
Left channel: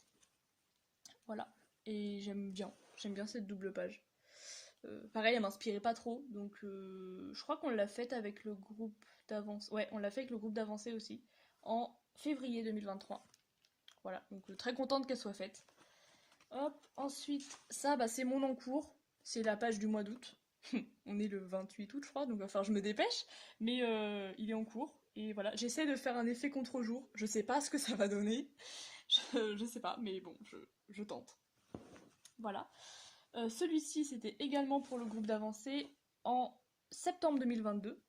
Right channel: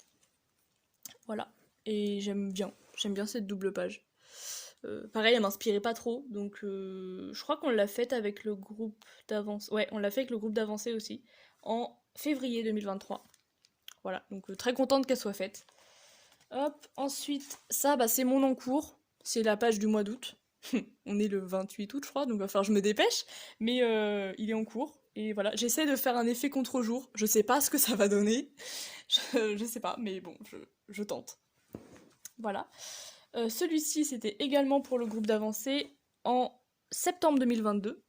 Voilà. Et j'aime bien cette double page. Pareil, elle m'inspirait pas trop, donc je crois qu'on l'a faite avec le groupe d'avancée. Ouais, on l'a fait avec le groupe d'avancée aussi, en février 2023. Voilà, donc très contente qu'elle soit faite. Hop, ensuite, ça, bah, c'est mon encours. C'est la page du mois d'août. On est le 28 août, je crois, donc il va falloir que je me dépêche. Mais il est en cours. Et voilà, j'essaie de faire un effet contre-jour. Je sais pas ce que ça va donner. Je sais pas, mais bon, je tente. Voilà. Celui-ci, c'était également pour le groupe d'avancée en septembre 2022.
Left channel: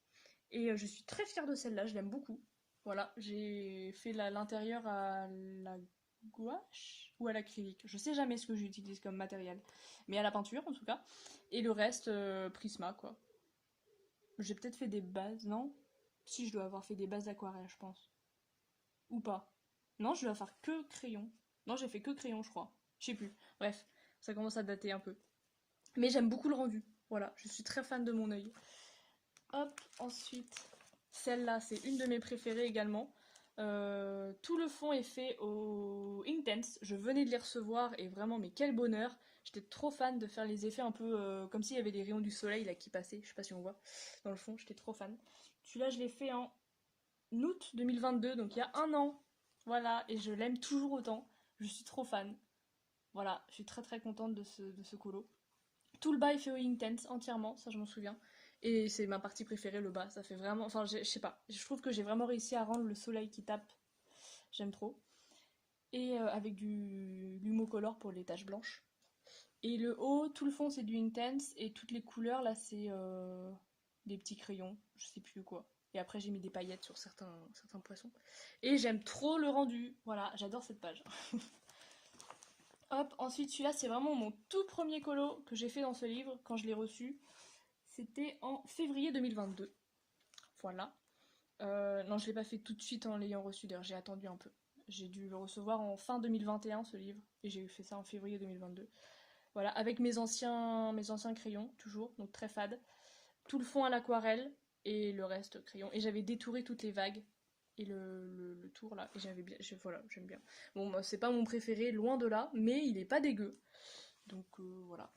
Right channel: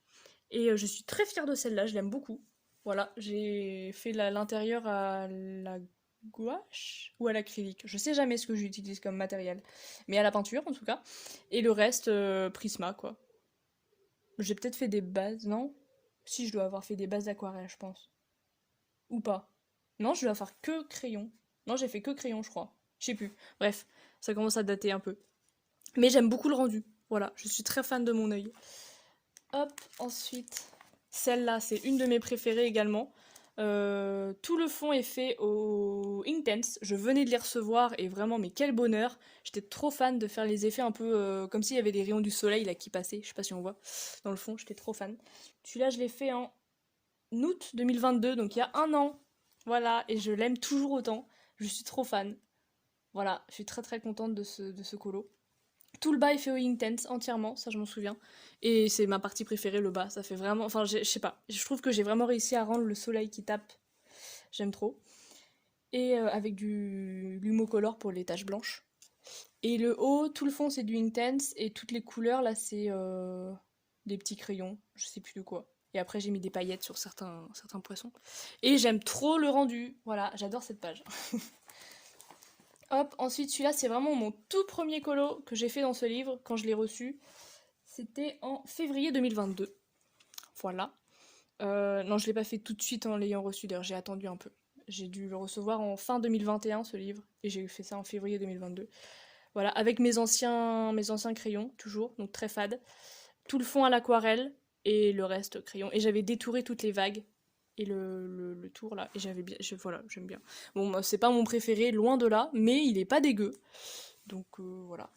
Et je suis très fière de celle-là, je l'aime beaucoup. Voilà, j'ai fait l'intérieur à la gouache ou à l'acrylique. Je sais jamais ce que j'utilise comme matériel. Mais à la peinture, en tout cas. Et le reste, Prisma, quoi. J'ai peut-être fait des bases, non? Si, je dois avoir fait des bases d'aquarelle, je pense. Ou pas. Non, je dois faire que crayon. Non, j'ai fait que crayon, je crois. Je sais plus. Bref, ça commence à dater un peu. Mais j'aime beaucoup le rendu. Voilà, je suis très fan de mon œil. Hop, ensuite, celle-là, c'est une de mes préférées également. Tout le fond est fait au Inktense. Je venais de les recevoir et vraiment, mais quel bonheur! J'étais trop fan de faire les effets un peu comme s'il y avait des rayons du soleil là qui passaient. Je sais pas si on voit dans le fond, j'étais trop fan. Celui-là, je l'ai fait en août 2022, donc il y a un an. Voilà, et je l'aime toujours autant. Je suis trop fan. Voilà, je suis très très contente de ce colo. Tout le bas est fait au Inktense entièrement, ça je m'en souviens. Et c'est ma partie préférée, le bas. Ça fait vraiment. Enfin, je sais pas. Je trouve que j'ai vraiment réussi à rendre le soleil qui tape. J'aime trop. Et avec du Lumocolor pour les taches blanches. Et le haut, tout le fond c'est du Inktense. Et toutes les couleurs là, c'est des petits crayons. Je sais plus de quoi. Et après, j'ai mis des paillettes sur certains poissons. Et j'aime trop le rendu. Voilà, j'adore cette page. Hop, ensuite celui-là c'est vraiment mon tout premier colo que j'ai fait dans ce livre quand je l'ai reçu. C'était en février 2022. Voilà. Non, je l'ai pas fait tout de suite en l'ayant reçu, d'ailleurs j'ai attendu un peu. J'ai dû le recevoir en fin 2021 ce livre, et j'ai fait ça en février 2022. Voilà, avec mes anciens crayons, toujours, donc très fade. Tout le fond à l'aquarelle, et le reste crayon. Et j'avais détouré toutes les vagues, et le tour là, et j'avais bien, voilà, j'aime bien. Bon, bah, c'est pas mon préféré, loin de là, mais il est pas dégueu. Donc voilà.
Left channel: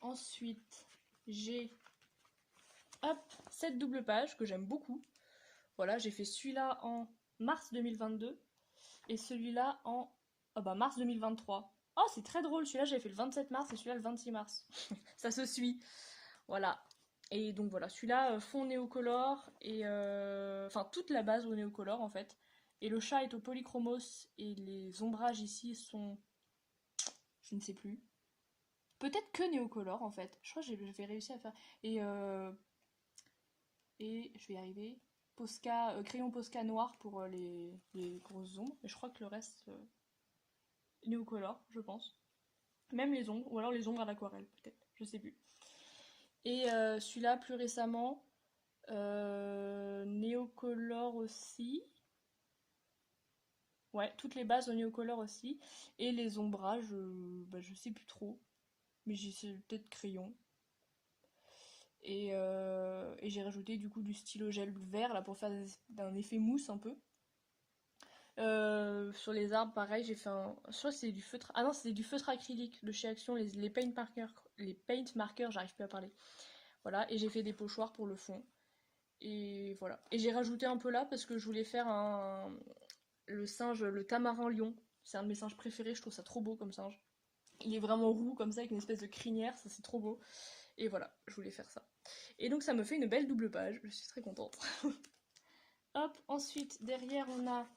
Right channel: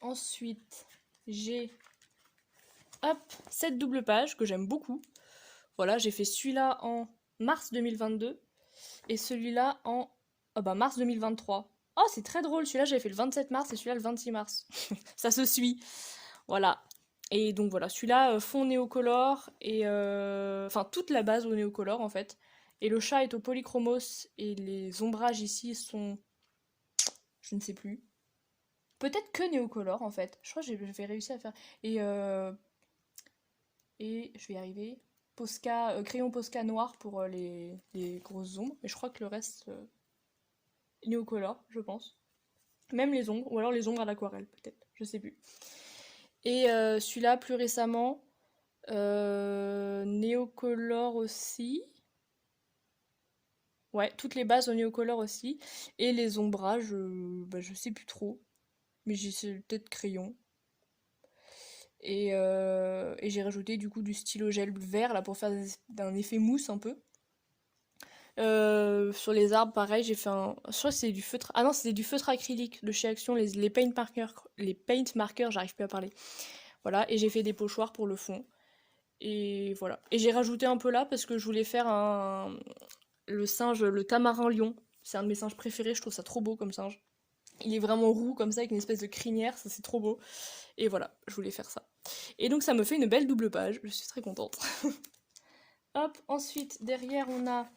Ensuite, j'ai hop, cette double page que j'aime beaucoup. Voilà, j'ai fait celui-là en mars 2022 et celui-là en Oh bah mars 2023. Oh, c'est très drôle, celui-là j'avais fait le 27 mars et celui-là le 26 mars. Ça se suit. Voilà. Et donc voilà, celui-là, fond néocolore, et enfin toute la base au néocolore en fait. Et le chat est au polychromos, et les ombrages ici sont... je ne sais plus. Peut-être que néocolore en fait. Je crois que j'ai réussi à faire... Et, euh, et je vais y arriver. Posca, crayon Posca noir pour les grosses ombres. Et je crois que le reste, néocolore, je pense. Même les ombres, ou alors les ombres à l'aquarelle peut-être, je sais plus. Et celui-là, plus récemment, néocolore aussi. Ouais, toutes les bases au néocolore aussi. Et les ombrages, bah, je sais plus trop. Mais j'ai peut-être crayon. Et j'ai rajouté du coup du stylo gel vert là pour faire un effet mousse un peu. Sur les arbres, pareil, j'ai fait un. Je crois que c'est du feutre. Ah non, c'était du feutre acrylique de chez Action, les paint markers. Les paint markers, j'arrive plus à parler. Voilà, et j'ai fait des pochoirs pour le fond. Et voilà. Et j'ai rajouté un peu là parce que je voulais faire le singe, le tamarin lion. C'est un de mes singes préférés, je trouve ça trop beau comme singe. Il est vraiment roux comme ça, avec une espèce de crinière, ça c'est trop beau. Et voilà, je voulais faire ça. Et donc ça me fait une belle double page, je suis très contente. Hop, ensuite, derrière on a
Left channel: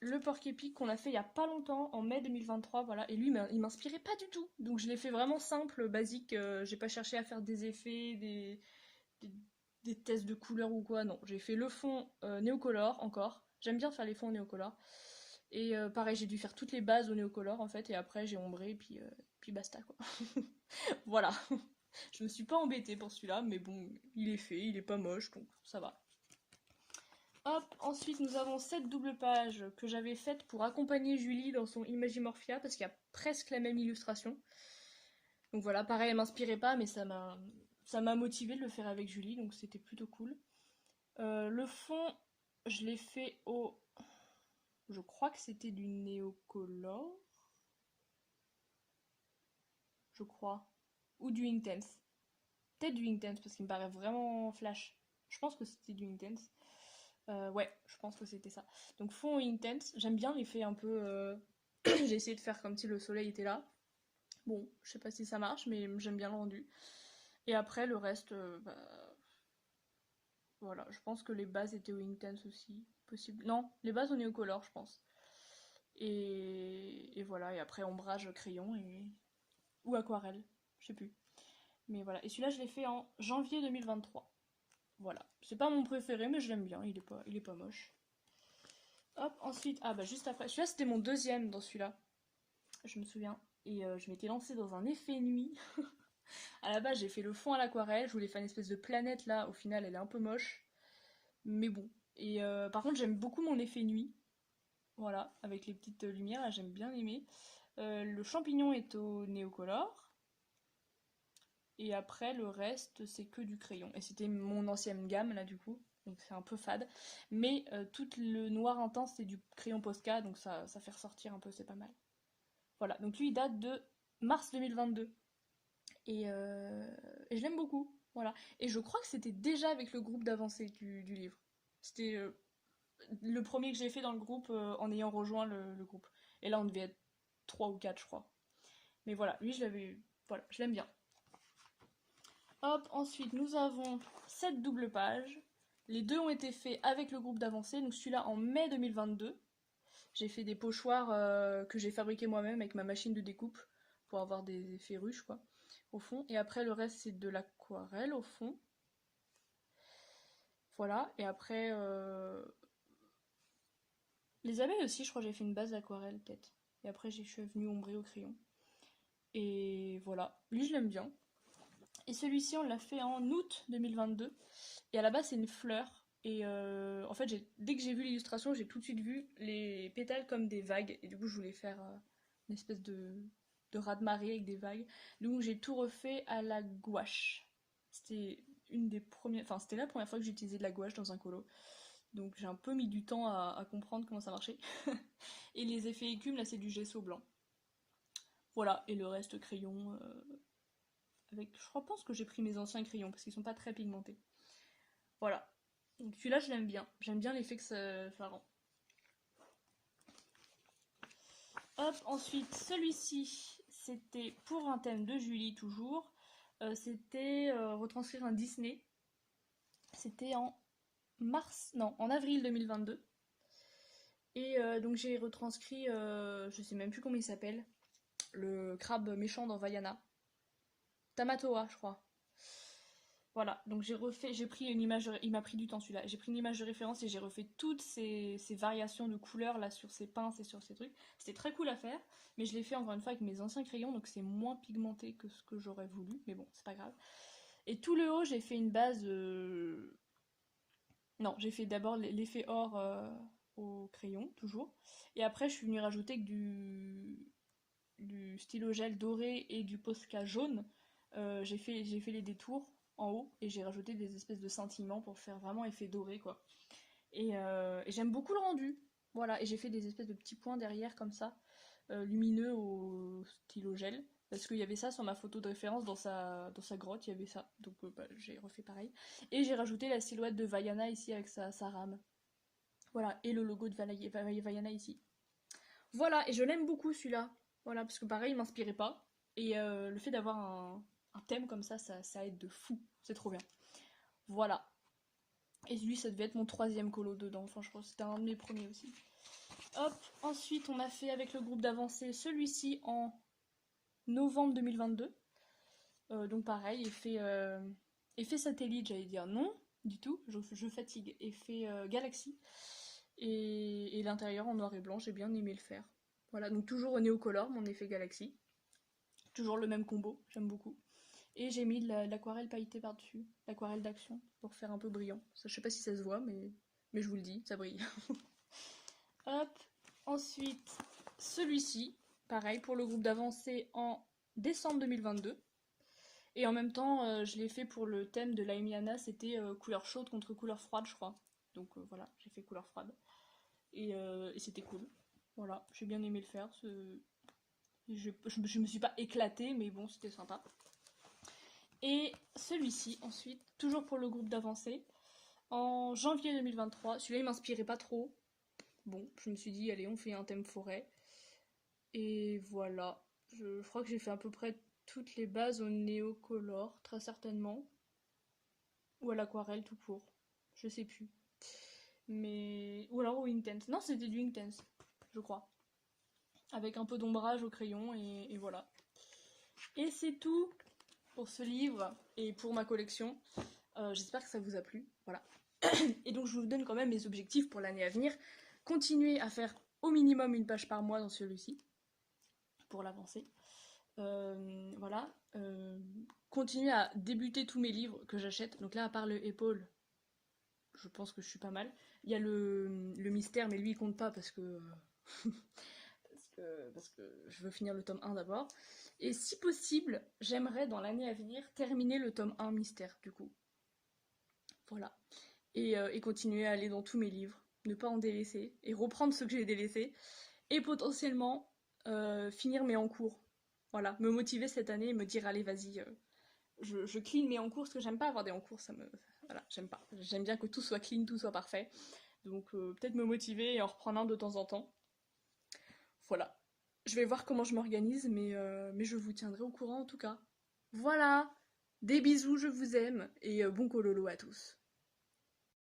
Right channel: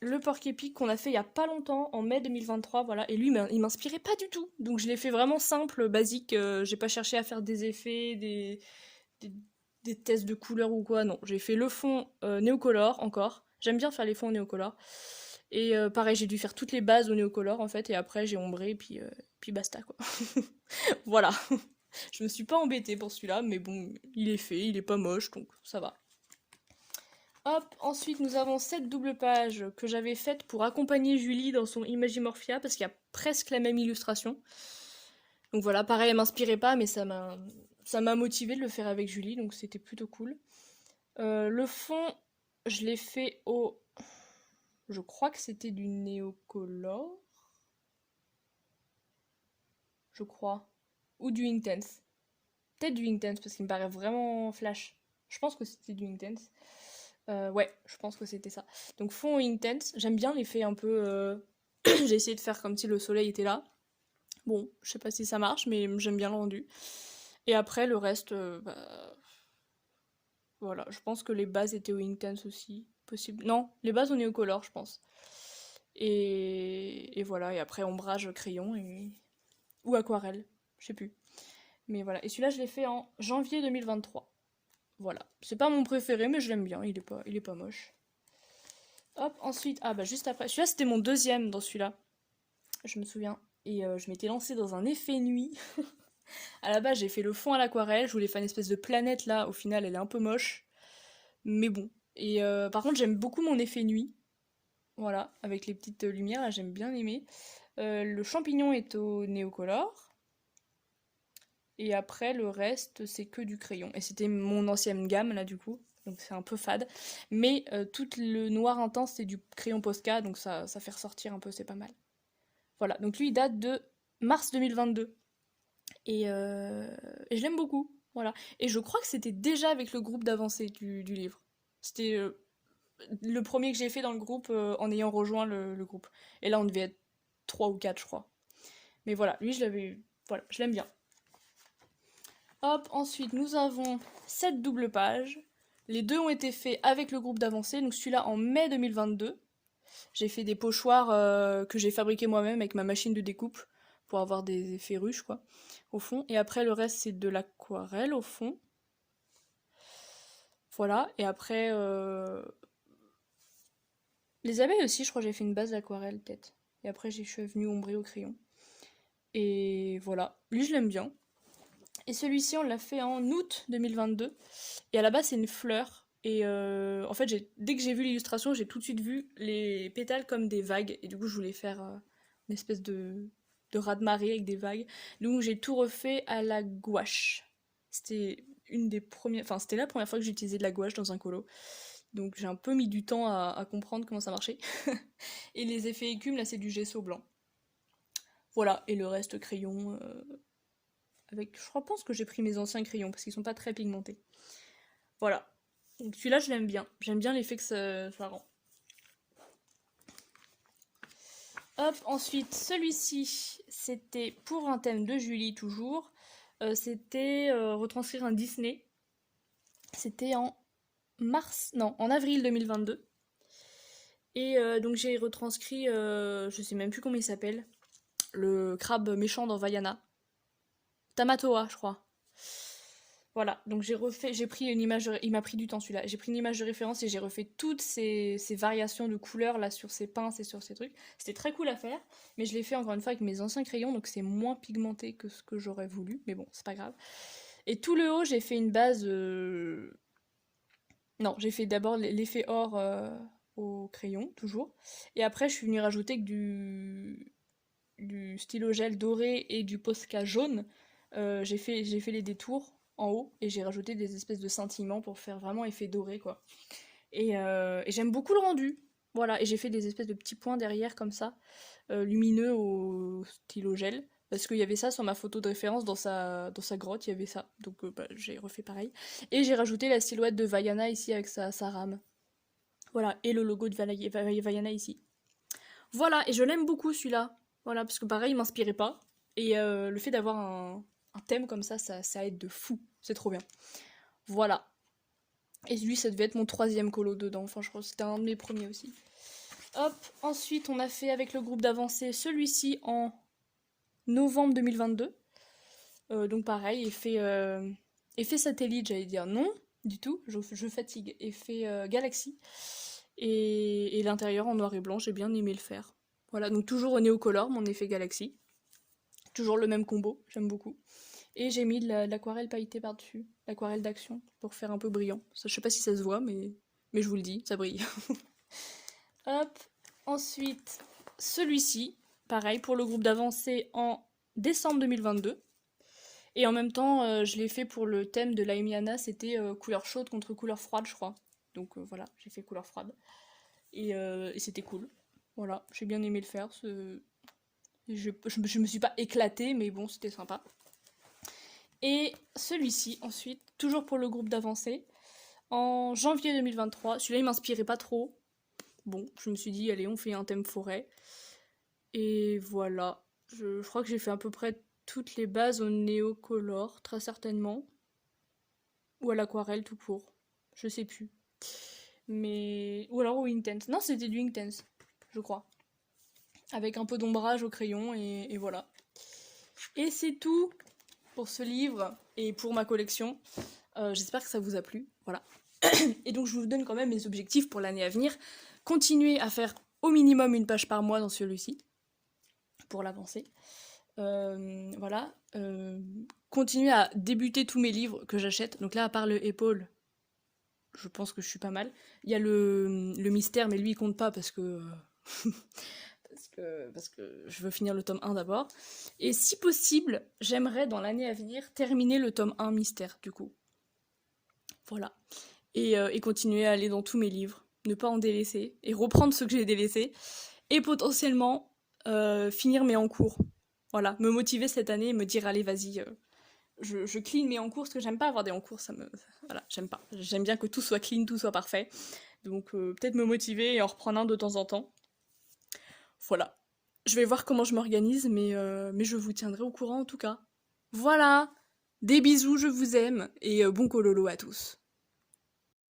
le porc-épic qu'on a fait il y a pas longtemps, en mai 2023, voilà. Et lui, il m'inspirait pas du tout. Donc je l'ai fait vraiment simple, basique. J'ai pas cherché à faire des effets, des, des tests de couleurs ou quoi. Non, j'ai fait le fond néocolore encore. J'aime bien faire les fonds néocolore. Et pareil, j'ai dû faire toutes les bases au néocolore en fait. Et après, j'ai ombré, puis basta quoi. Voilà. Je me suis pas embêtée pour celui-là, mais bon, il est fait, il est pas moche, donc ça va. Hop, ensuite nous avons cette double page que j'avais faite pour accompagner Julie dans son Imagimorphia, parce qu'il y a presque la même illustration. Donc voilà, pareil, elle m'inspirait pas, mais ça m'a motivé de le faire avec Julie, donc c'était plutôt cool. Le fond, je l'ai fait au... Je crois que c'était du néocolore. Je crois. Ou du Intense. Peut-être du Intense, parce qu'il me paraît vraiment flash. Je pense que c'était du Intense. Ouais, je pense que c'était ça. Donc fond intense, j'aime bien l'effet un peu... J'ai essayé de faire comme si le soleil était là. Bon, je sais pas si ça marche, mais j'aime bien le rendu. Et après, le reste, bah, voilà, je pense que les bases étaient au intense aussi, possible. Non, les bases au néocolore, je pense. Et voilà, et après ombrage crayon ou aquarelle, je sais plus. Mais voilà, et celui-là, je l'ai fait en janvier 2023. Voilà, c'est pas mon préféré, mais je l'aime bien, il est pas moche. Hop, ensuite, ah bah juste après, celui-là c'était mon deuxième dans celui-là, je me souviens. Et je m'étais lancée dans un effet nuit. À la base, j'ai fait le fond à l'aquarelle, je voulais faire une espèce de planète là, au final elle est un peu moche, mais bon. Et par contre, j'aime beaucoup mon effet nuit, voilà, avec les petites lumières, là j'aime bien aimer. Le champignon est au néocolore, et après le reste c'est que du crayon. Et c'était mon ancienne gamme là du coup, donc c'est un peu fade. Mais tout le noir intense c'est du crayon Posca, donc ça fait ressortir un peu, c'est pas mal. Voilà, donc lui il date de mars 2022. Et je l'aime beaucoup, voilà. Et je crois que c'était déjà avec le groupe d'avancée du livre. C'était le premier que j'ai fait dans le groupe en ayant rejoint le groupe. Et là on devait être 3 ou 4 je crois. Mais voilà, lui je l'avais... Voilà, je l'aime bien. Hop, ensuite nous avons cette double page. Les deux ont été faits avec le groupe d'avancée, donc celui-là en mai 2022. J'ai fait des pochoirs que j'ai fabriqués moi-même avec ma machine de découpe pour avoir des effets ruches, quoi, au fond. Et après, le reste, c'est de l'aquarelle, au fond. Voilà. Et après, les abeilles aussi, je crois que j'ai fait une base d'aquarelle, peut-être. Et après, je suis venue ombrer au crayon. Et voilà. Lui, je l'aime bien. Et celui-ci, on l'a fait en août 2022. Et à la base, c'est une fleur. Et en fait, dès que j'ai vu l'illustration, j'ai tout de suite vu les pétales comme des vagues. Et du coup, je voulais faire une espèce de raz-de-marée avec des vagues. Donc, j'ai tout refait à la gouache. C'était une des premières... Enfin, c'était la première fois que j'utilisais de la gouache dans un colo. Donc, j'ai un peu mis du temps à comprendre comment ça marchait. Et les effets écumes, là, c'est du gesso blanc. Voilà. Et le reste, crayon... avec... Je pense que j'ai pris mes anciens crayons parce qu'ils sont pas très pigmentés. Voilà. Donc celui-là, je l'aime bien. J'aime bien l'effet que ça rend. Hop, ensuite, celui-ci, c'était pour un thème de Julie, toujours. C'était retranscrire un Disney. C'était en mars, non, en avril 2022. Et donc j'ai retranscrit, je sais même plus comment il s'appelle, le crabe méchant dans Vaiana. Tamatoa, je crois. Voilà, donc j'ai pris une image, il m'a pris du temps celui-là. J'ai pris une image de référence et j'ai refait toutes ces variations de couleurs là sur ces pinces et sur ces trucs. C'était très cool à faire, mais je l'ai fait encore une fois avec mes anciens crayons, donc c'est moins pigmenté que ce que j'aurais voulu, mais bon, c'est pas grave. Et tout le haut, j'ai fait une base. Non, j'ai fait d'abord l'effet or au crayon, toujours. Et après, je suis venue rajouter que du stylo gel doré et du Posca jaune. J'ai fait les détours en haut et j'ai rajouté des espèces de scintillements pour faire vraiment effet doré, quoi. Et j'aime beaucoup le rendu. Voilà, et j'ai fait des espèces de petits points derrière comme ça, lumineux au stylo gel. Parce qu'il y avait ça sur ma photo de référence dans sa grotte, il y avait ça. Donc bah, j'ai refait pareil. Et j'ai rajouté la silhouette de Vaiana ici avec sa rame. Voilà, et le logo de Vaiana ici. Voilà, et je l'aime beaucoup celui-là. Voilà, parce que pareil, il m'inspirait pas. Et le fait d'avoir un thème comme ça aide de fou. C'est trop bien. Voilà. Et lui, ça devait être mon troisième colo dedans. Enfin, je crois que c'était un de mes premiers aussi. Hop, ensuite, on a fait avec le groupe d'avancée celui-ci en novembre 2022. Donc pareil, effet satellite, j'allais dire non, du tout, je fatigue. Effet galaxie. Et l'intérieur en noir et blanc, j'ai bien aimé le faire. Voilà, donc toujours au Néocolor, mon effet galaxie. Toujours le même combo, j'aime beaucoup. Et j'ai mis de l'aquarelle pailletée par-dessus, l'aquarelle d'action, pour faire un peu brillant. Ça, je sais pas si ça se voit, mais je vous le dis, ça brille. Hop, ensuite, celui-ci, pareil, pour le groupe d'avancée en décembre 2022. Et en même temps, je l'ai fait pour le thème de l'Aimiana, c'était couleur chaude contre couleur froide, je crois. Donc voilà, j'ai fait couleur froide. Et c'était cool. Voilà, j'ai bien aimé le faire. Je me suis pas éclatée, mais bon, c'était sympa. Et celui-ci, ensuite, toujours pour le groupe d'avancée, en janvier 2023. Celui-là, il m'inspirait pas trop. Bon, je me suis dit, allez, on fait un thème forêt. Et voilà. Je crois que j'ai fait à peu près toutes les bases au néocolor, très certainement. Ou à l'aquarelle tout court. Je sais plus. Mais. Ou alors au Intense. Non, c'était du Intense, je crois. Avec un peu d'ombrage au crayon, et voilà. Et c'est tout pour ce livre et pour ma collection. J'espère que ça vous a plu. Voilà. Et donc je vous donne quand même mes objectifs pour l'année à venir. Continuer à faire au minimum une page par mois dans celui-ci, pour l'avancer. Voilà. Continuer à débuter tous mes livres que j'achète. Donc là, à part le Épaule, je pense que je suis pas mal. Il y a le mystère, mais lui il compte pas parce que parce que je veux finir le tome 1 d'abord. Et si possible, j'aimerais dans l'année à venir terminer le tome 1 mystère du coup. Voilà. Et continuer à aller dans tous mes livres, ne pas en délaisser, et reprendre ceux que j'ai délaissés, et potentiellement finir mes en cours. Voilà, me motiver cette année et me dire allez vas-y, je clean mes en cours, parce que j'aime pas avoir des en cours, voilà, j'aime pas. J'aime bien que tout soit clean, tout soit parfait. Donc peut-être me motiver et en reprendre un de temps en temps. Voilà. Je vais voir comment je m'organise, mais je vous tiendrai au courant en tout cas. Voilà. Des bisous, je vous aime, et bon cololo à tous.